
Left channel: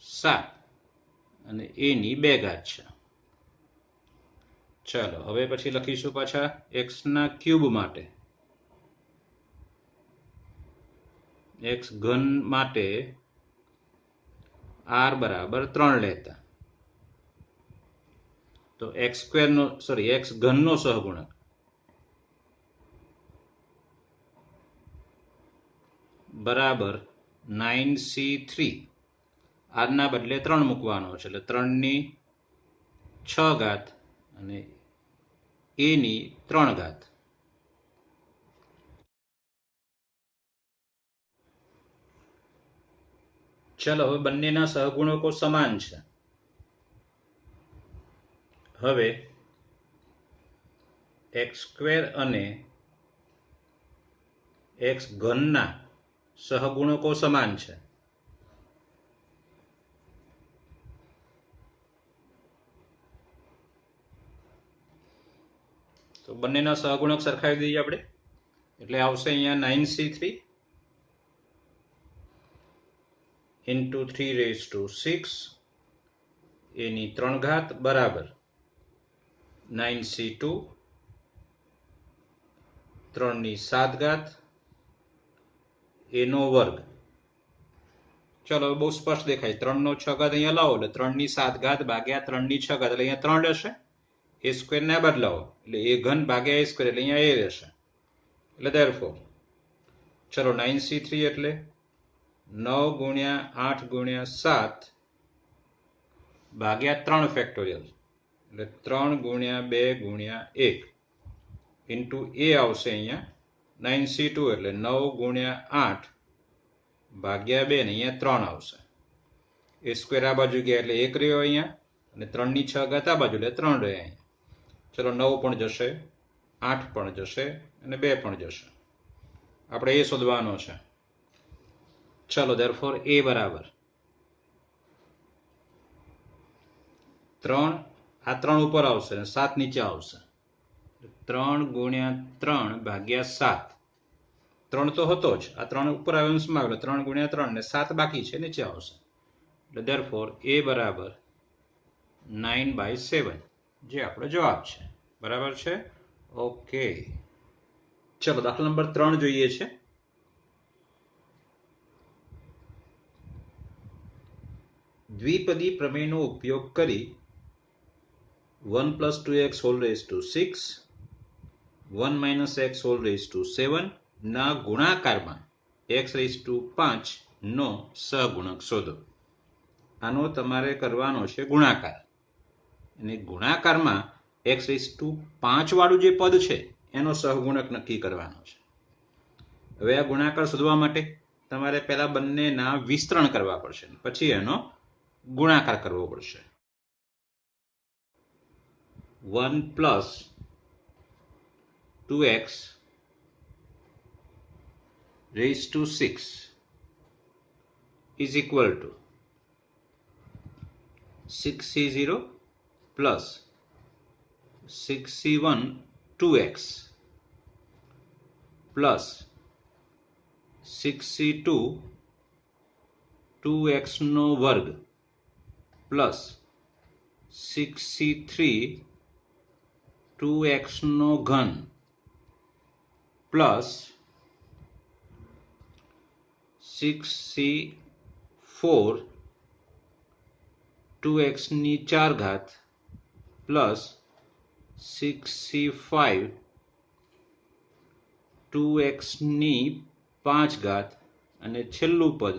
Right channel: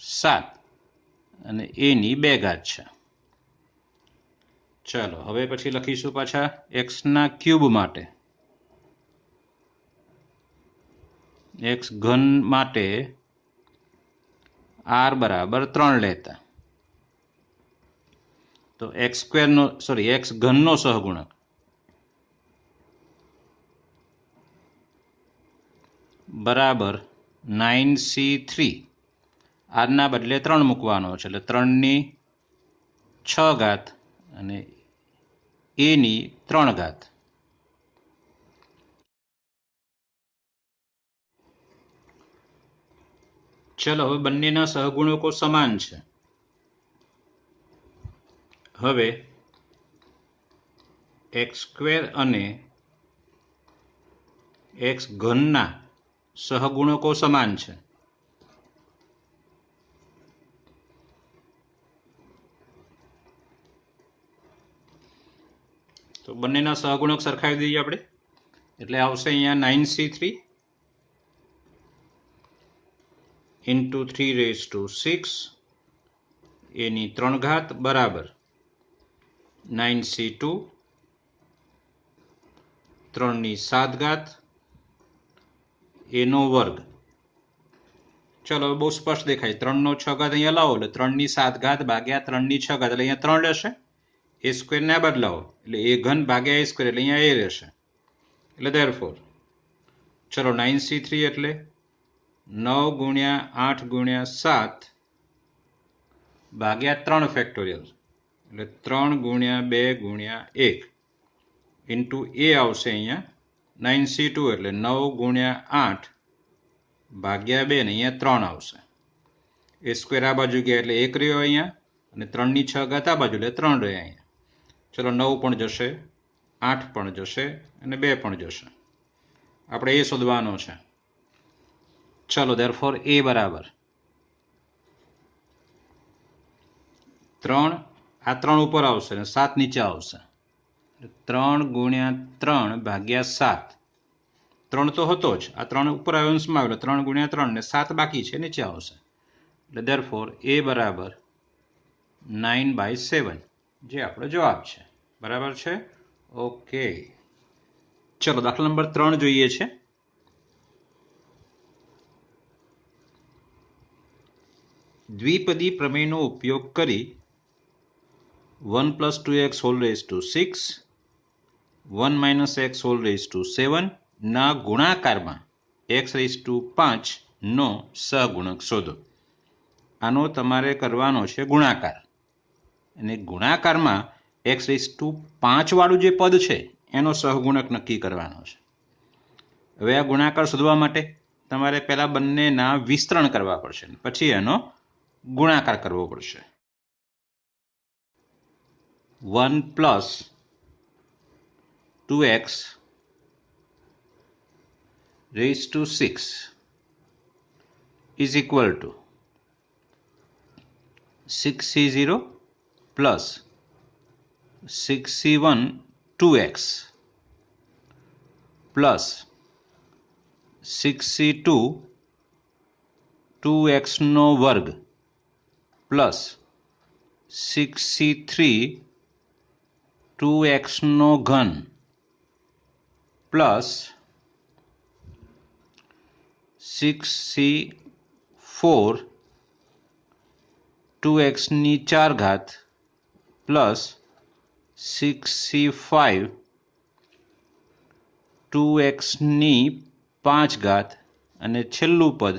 7 અને એની 2 ઘાત છે. ચાલો હવે પછી લખીશું પાછા એક્સના ક્યુબ માટે. એક્સ ઘન માટે આર બરાબર 3 લેતા તો એક્સ ઘનનો સહગુણક બરાબર 9c3. આરના બદલે 3 મૂકવાનો છે એટલે 3ની 6 ઘાત અને એની 3 ઘાત. ચલો હવે બંનેના સહગુણકો સમાન છે. હવે એક્સ સ્ક્વેર અને એક્સ ઘનના સહગુણકો સમાન છે. તો બંનેના સહગુણક સરખાવી દઈએ આપણે, એટલે આવશે અહીંયા 9c3 ઇન્ટુ 3⁻6 એની 3 ઘાત બરાબર 9c2 3ની 7 ઘાત એનો વર્ગ. ચલો બહુ સ્પષ્ટ દેખાય. 3નો 6 ઘાત અહીંયા લાવો એટલે 3ની 7 ઘાત ભાગ્યા 3ની 6 ઘાત એટલે અહીંયા 3 રહેશે. એ સ્ક્વેરને આ બદલાવો એટલે એ ઘન ભાગ્યા એ સ્ક્વેર એટલે અહીંયા એ રહેશે. એટલે ધેરફોર ચલો 9c3 એટલે 9 × 8 × 7 ભાગ્યા 3 ફેક્ટોરિયલ એટલે 3 × 2 × 1 ઇન્ટુ એ આવશે અહીંયા 9c2 એટલે 9 × 8 ભાગ્યા 2 ને અહીંયા 3 આવશે. એ સ્ક્વેર આ બાજુ ગયા એટલે 1 રહ્યો અહીંયા અને 3ની 6 ઘાત આ બાજુ એટલે 3 રહ્યા અહીંયા. ચલો 9 પણ જશે, 8 પણ જશે અને 2 પણ જશે. આપણે એ શોધવાનો છે. ચલો ધેરફોર એ બરાબર 3, આ 3 ઉપર આવશે અને 7 નીચે આવશે. 3 × 3 ભાગ્યા 7, 3 તો હતો જ, આ 3 ઉપર અંશમાં આવ્યો 3 × 3 ને 7 બાકી છે નીચે આવશે. એટલે ધેરફોર એ બરાબર 9/7 જે આપણો જવાબ છે. બરાબર છે? ઓકે. ચલો દાખલા નંબર 3 જોઈએ છે. દ્વિપદી પ્રમેયનો ઉપયોગ કરી 1 + 2x⁻6 1 - x⁻7 ના ગુણાકારમાં x⁵ નો સહગુણક શોધો. આનો તમારે કરવાનો છે ગુણાકાર અને ગુણાકારમાં x⁵ વાળું જે પદ છે એનો સહગુણક નક્કી કરવાનો છે. હવે આ ગુણાકાર શોધવા માટે તમારે પહેલા બંનેના વિસ્તરણ કરવા પડશે પછી એનો ગુણાકાર કરવો પડશે. 1 + 2x⁵ is equal to 6c0 plus 6c1 2x plus 6c2 2x નો વર્ગ plus 6c3 2x નો ઘન plus 6c4 2x ની 4 ઘાત plus 6c5 2x⁵ અને છેલ્લું પદ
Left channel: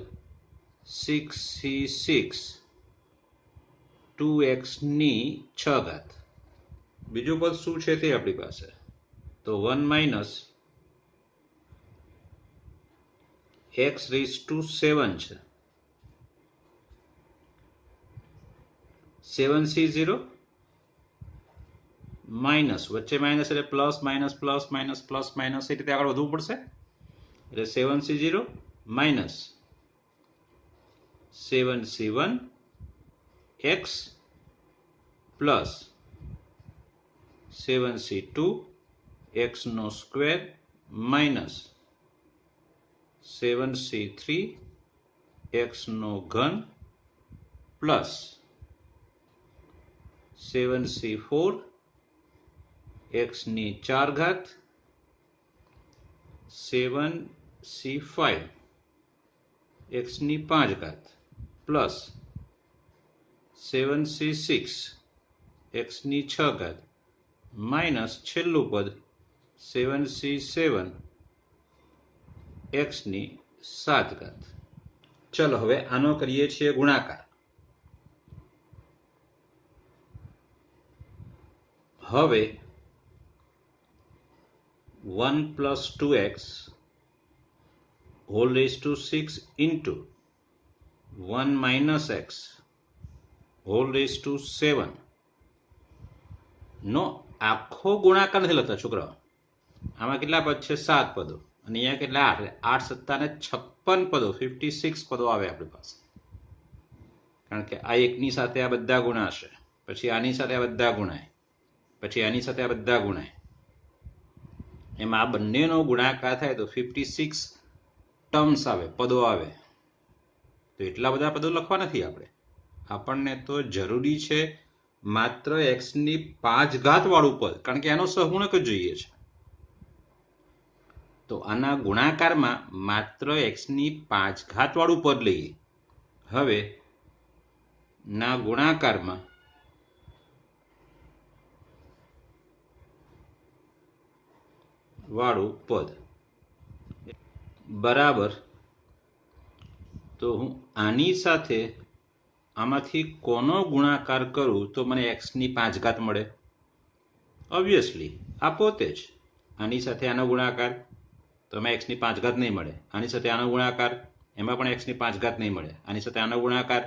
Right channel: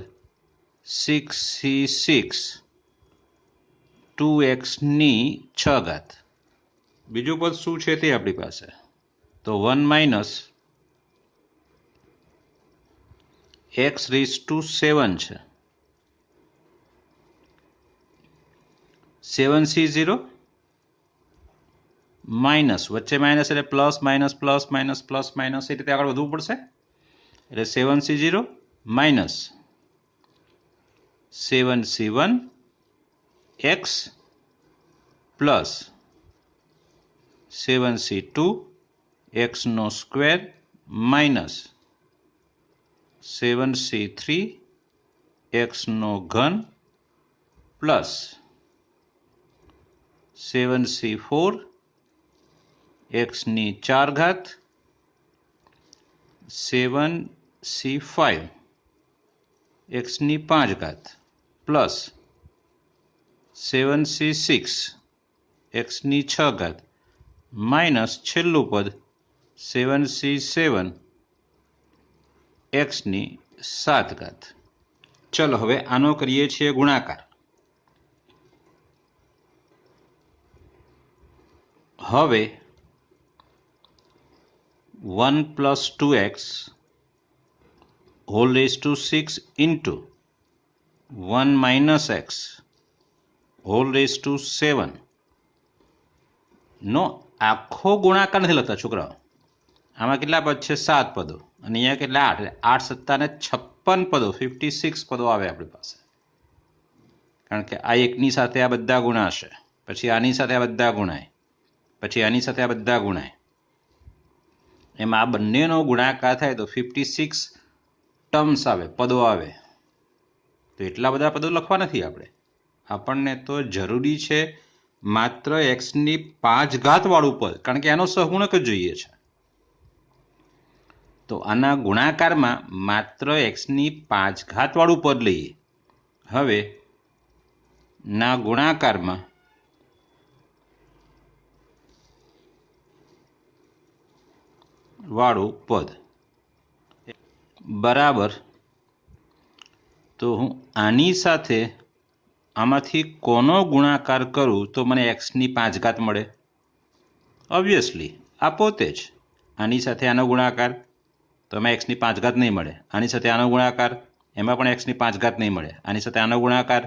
6c6 2x⁶ બીજું પદ શું છે તે આપણી પાસે તો 1 માઇનસ x⁻7 છે 7c0 માઇનસ વચ્ચે માઇનસ એટલે plus minus plus minus plus minus એ રીતે આગળ વધવું પડશે એટલે 7c0 minus 7c1 x plus 7c2 x² minus 7c3 x³ plus 7c4 x⁴ 7c5 x⁵ plus 7c6 x⁶ minus છેલ્લું પદ 7c7 x⁷ ચલો હવે આનો કરીએ છીએ ગુણાકાર હવે 1 + 2x whole raise to 6 into 1 - x whole raise to 7 નો આખો ગુણાકાર નથી લખતા છોકરાઓ આમાં કેટલા પદ છે 7 પદો અને અહીંયા કેટલા 8 8 + 7 = 56 પદો 56 પદો આવે આપણી પાસે કારણ કે આ એકની સાથે આ બધા ગુણાશે પછી આની સાથે આ બધા ગુણાય પછી આની સાથે આ બધા ગુણાય એમાં આ બંનેનો ગુણાકાર થાય તો 56 ટર્મ્સ આવે પદો આવે તો એટલા બધા પદો લખવા નથી આપણને તો જરૂરી છે માત્ર x⁵ વાળું પદ કારણ કે આનો સહગુણક જ જોઈએ છે તો આના ગુણાકારમાં માત્ર x⁵ વાળું પદ લઈએ હવે ના ગુણાકારમાં વાળું પદ બરાબર તો હું આની સાથે આમાંથી કોનો ગુણાકાર કરું તો મને x⁵ મળે ઓબ્વિયસલી આ પોતે જ આની સાથે આનો ગુણાકાર તો એમાં x⁵ નહીં મળે આની સાથે આનો ગુણાકાર એમાં પણ x⁵ નહીં મળે આની સાથે આનો ગુણાકાર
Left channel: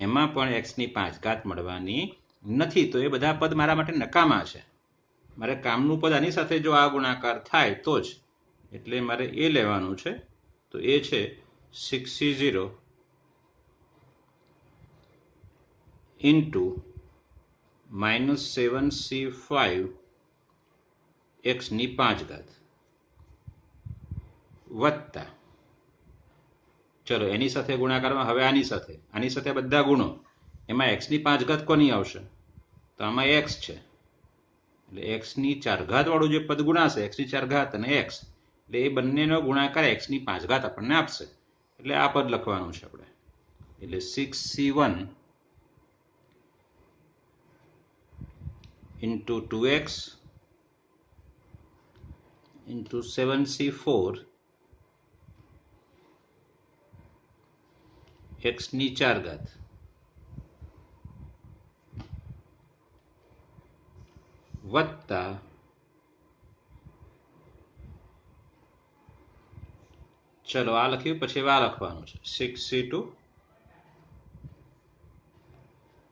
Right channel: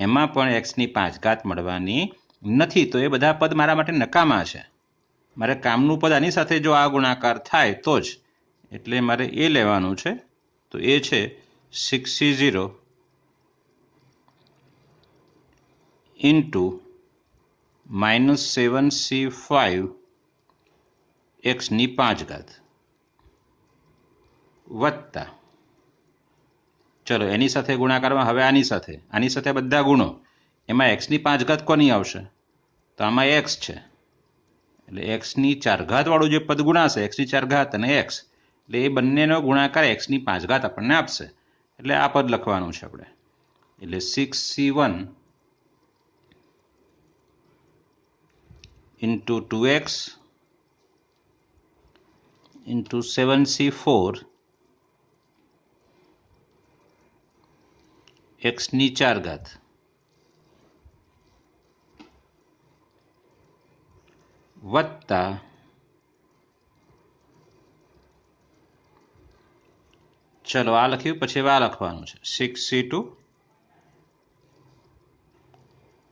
એમાં પણ x⁵ મળવાની નથી તો એ બધા પદ મારા માટે નકામા છે મારે કામનું પદ આની સાથે જો આ ગુણાકાર થાય તો જ એટલે મારે એ લેવાનું છે તો એ છે 6c0 ઇન્ટુ -7c5 x⁵ વત્તા ચલો એની સાથે ગુણાકારમાં હવે આની સાથે બધા ગુણો એમાં x⁵ કોની આવશે તો આમાં x છે એટલે x⁴ વાળું જે પદ ગુણાશે x⁴ અને x એટલે એ બંનેનો ગુણાકાર x⁵ આપણને આપશે એટલે આ પદ લખવાનું છે આપણે એટલે 6c1 into 2x into 7c4 x⁴ વત્તા ચલો આ લખ્યું પછી આ લખવાનું છે 6c2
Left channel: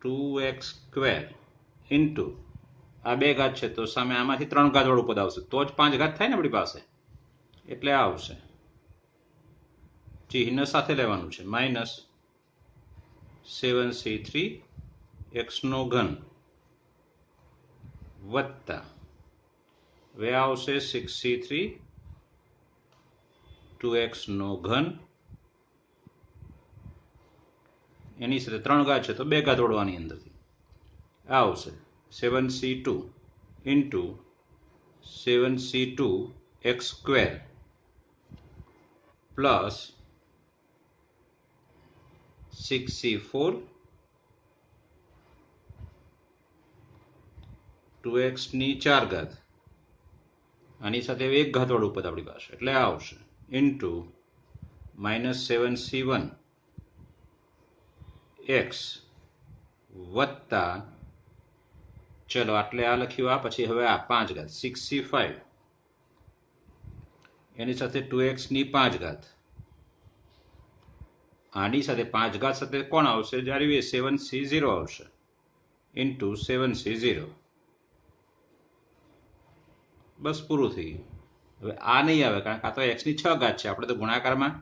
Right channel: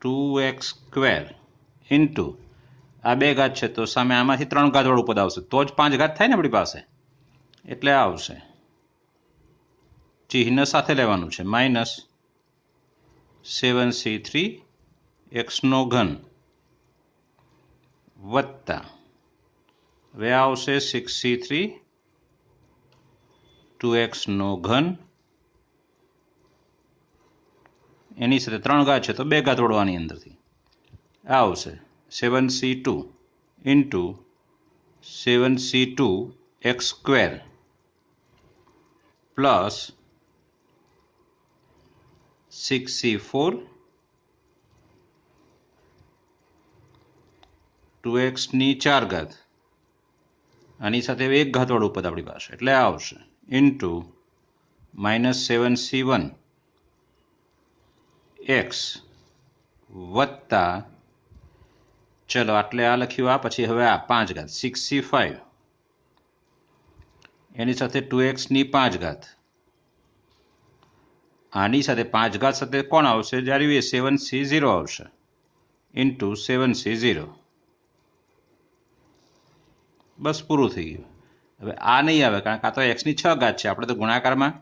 2x² ઇન્ટુ આ 2 ઘાત છે તો સામે આમાંથી 3 ઘાત વાળું પદ આવશે તો જ 5 ઘાત થાય ને આપણી પાસે એટલે આ આવશે ચિહ્ન સાથે લેવાનું છે -7c3 x³ વત્તા હવે આવશે 6c3 2x³ એની સાથે 3 ઘાત છે તો 2 ઘાત વળવાની અંદરથી આ આવશે 7c2 into 7c2 x² plus 6c4 2x⁴ આની સાથે એક ઘાતવાળું પદ આપણી પાસે, એટલે આ આવશે ઇન્ટુ -7c1 x વત્તા, ચલો આટલે આ લખ્યું, આ પછી હવે આ 5 ઘાત 6c5 એની સાથે 2x ની 5 ઘાત, આની સાથે 5 ઘાત સાથે કોણ આવશે, જ્યારે 7c0 આવશે ઇન્ટુ 7c0. બસ પૂરું થઈ ગયું. હવે આ નહીં આવે કારણ કે આ તો x ની 6 ઘાત છે, આપણે તો ગુણાકારમાં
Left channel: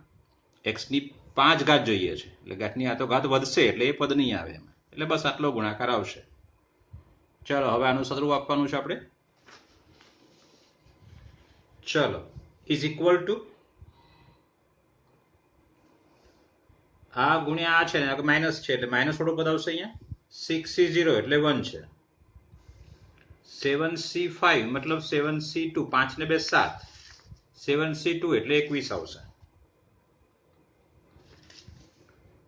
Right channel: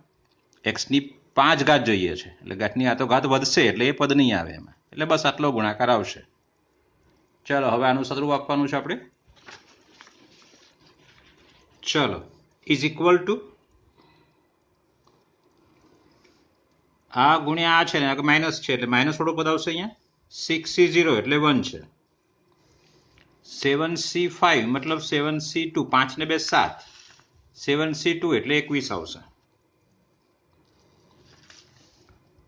x ની 5 ઘાત જોઈએ છે, એટલે ઘાતની આ તો ઘાત વધશે એટલે એ પદ નહીં આવે એમાં, એટલે બસ આટલો ગુણાકાર આવશે. ચલો હવે આનું સદરૂપ આપવાનું છે આપણે. ચલો ઇઝ ઇક્વલ ટુ આ ગુણ્યા આ છે ને, આ માઇનસ છે એટલે માઇનસ વાળું પદ આવશે અહીંયા. 6c0 એટલે 1 છે, 7c5 મતલબ 7c2, 5 ને 2 7, 7c2 એટલે 21 આવશે,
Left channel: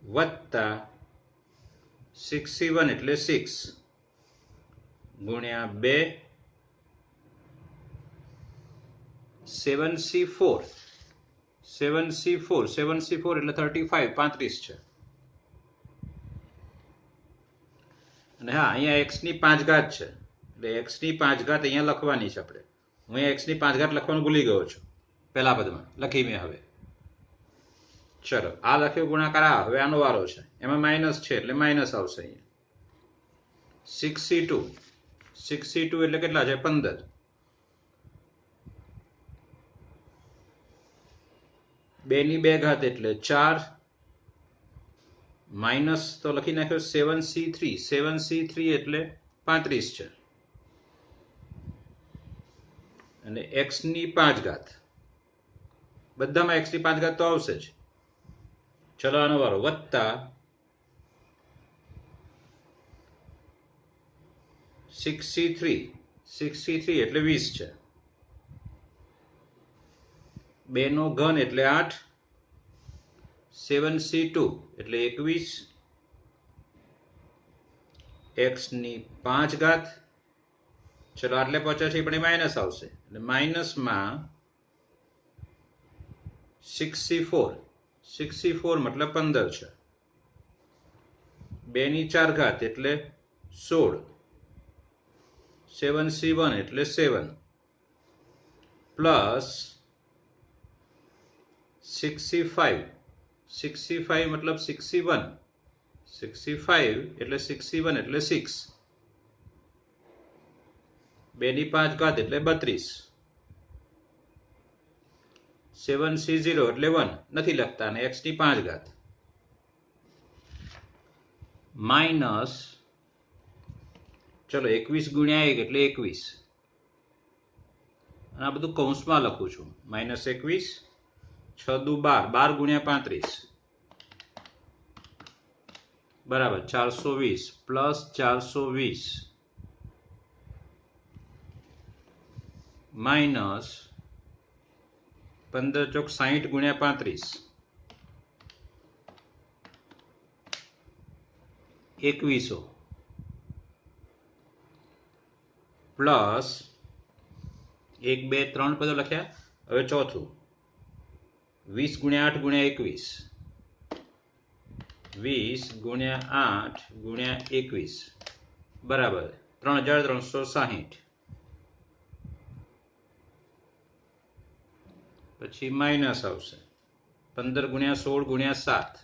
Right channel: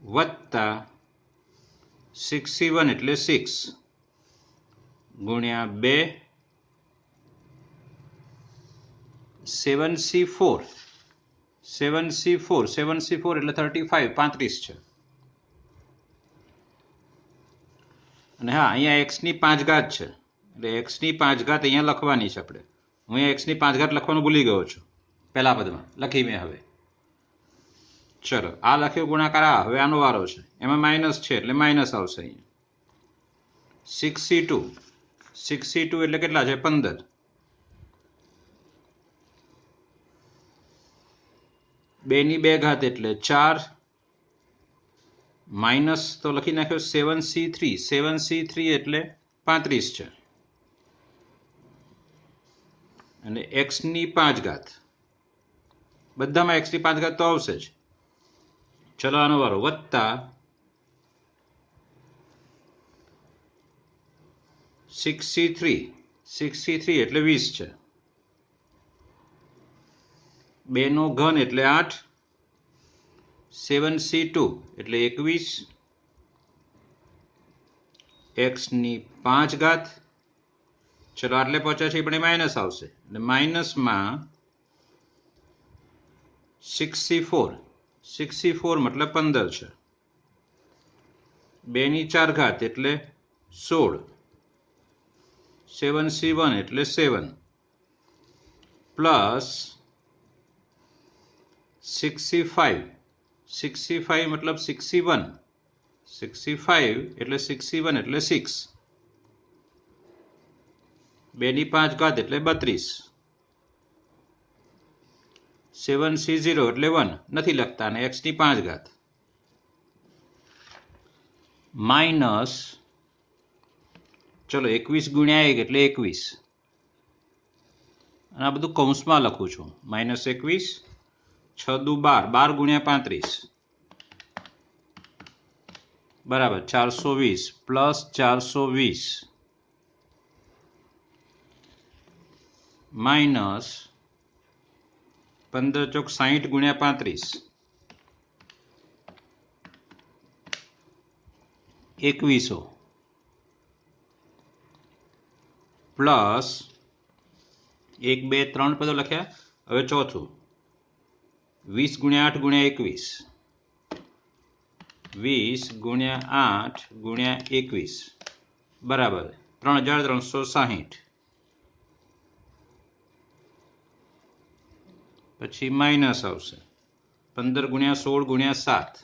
વત્તા 6c1 એટલે 6 ગુણ્યા 2 7c4 એટલે 35, 35 છે. અને હા અહીંયા x ની 5 ઘાત છે એટલે x ની 5 ઘાત અહીંયા લખવાની છે આપણે. હું અહીંયા x ની 5 ઘાત લખવાનું ભૂલી ગયો છું, પહેલા પદમાં લખી મેં. હવે ચલો આ લખ્યો ગુણાકાર, આ હવે આનો વારો છે, એમાં માઇનસ છે એટલે માઇનસ આવશે અહીંયા. 6c2 એટલે કેટલા છે, 15, બે ની 2 ઘાત એટલે 4, માઇનસ તો લખી નાખ્યો 7c3 એટલે 35 છે, અને x ની 5 ઘાત, બધામાં x ની 5 ઘાત તો આવશે જ. ચલો આનો વારો, વત્તા 6c3 એટલે 20 છે, 2 નો ઘન એટલે 8, 7c2 એટલે 21, x ની 5 ઘાત. ચલો આટલે પહોંચ્યા છે પણ માઇનસ આવશે, એટલે માઇનસમાં 6c4 મતલબ 15 છે, 2 ની 4 ઘાત એટલે 16, 7c1 એટલે 7 પ્લસ 6c5 મતલબ 61 એટલે 6, 2 ની 5 ઘાત એટલે 32, 7c0 એટલે 1 નથી લખતા, અને x ની 5 ઘાત માઇનસ, ચલો 21 ગુણ્યા 1 એટલે 21, અને આ બધું કૌંસમાં લખું છું, -21, 6 દુ 12 ગુણ્યા 35 બરાબર 420 પ્લસ 420 માઇનસ 15 ચોક 60 ગુણ્યા 35 2100 પ્લસ 1 2 3 પદો લખ્યા. હવે ચોથું 20 ગુણ્યા 8 ગુણ્યા 21, 20 ગુણ્યા 8 ગુણ્યા 21 બરાબર 3360, પછી માઇનસ આવશે 15 ગુણ્યા 16 ગુણ્યા 7,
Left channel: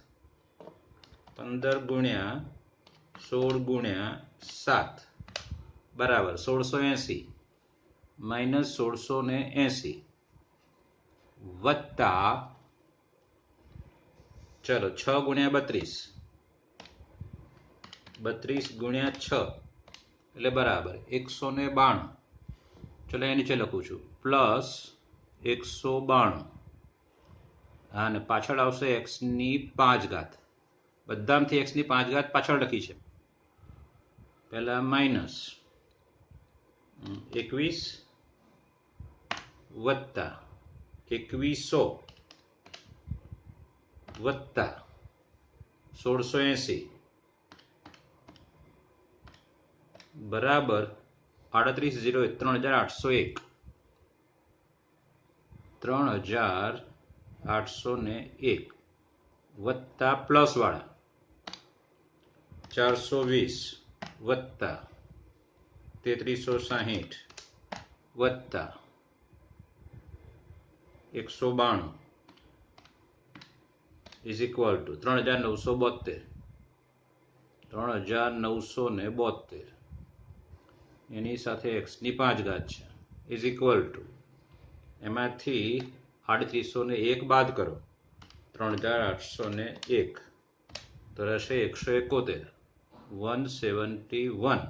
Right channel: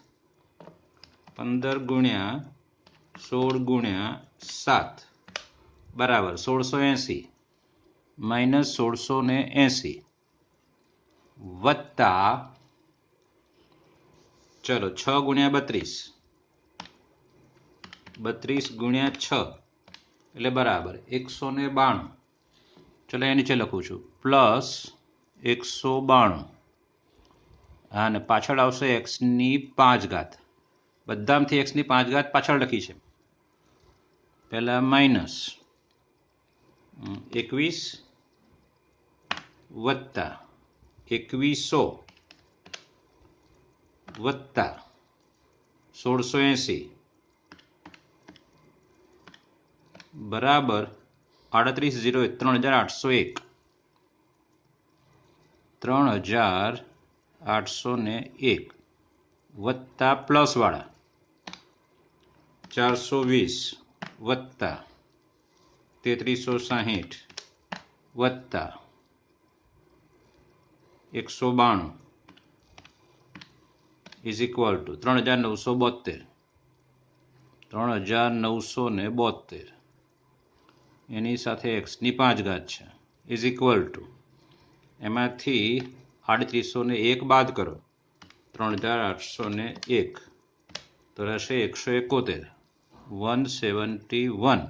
15 ગુણ્યા 16 ગુણ્યા 7 બરાબર 1680, માઇનસ 1680 વત્તા, ચલો 6 ગુણ્યા 32, 32 ગુણ્યા 6 એટલે બરાબર 192. ચલો એ નીચે લખું છું, પ્લસ 192, અને પાછળ આવશે x ની 5 ઘાત, બધામાંથી x ની 5 ઘાત પાછળ લખી છે, પહેલા માઇનસ 21 વત્તા 2100 વત્તા 1680 બરાબર 38,03801. 3801 વત્તા પ્લસવાળા 420 વત્તા 3360 વત્તા 192 ઇઝ ઇક્વલ ટુ 3972 એની સાથે એક્સની 5 ઘાત છે ઇઝ ઇક્વલ ટુ એમાંથી 3801 બાદ કરો 3801 તો રહેશે 171 171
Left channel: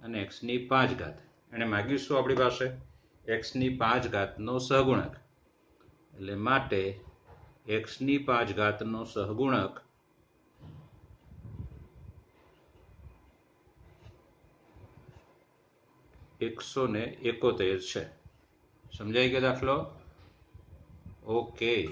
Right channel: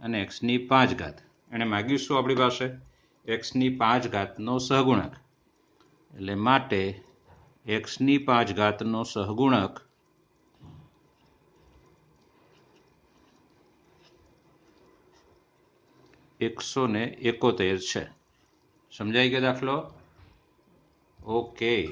અને એક્સની 5 ઘાત એને માગ્યું શું આપણી પાસે એક્સની 5 ઘાતનો સહગુણક એટલે માટે એક્સની 5 ઘાતનો સહગુણક 171 છે. સમજાઈ ગયો દાખલો? ઓકે.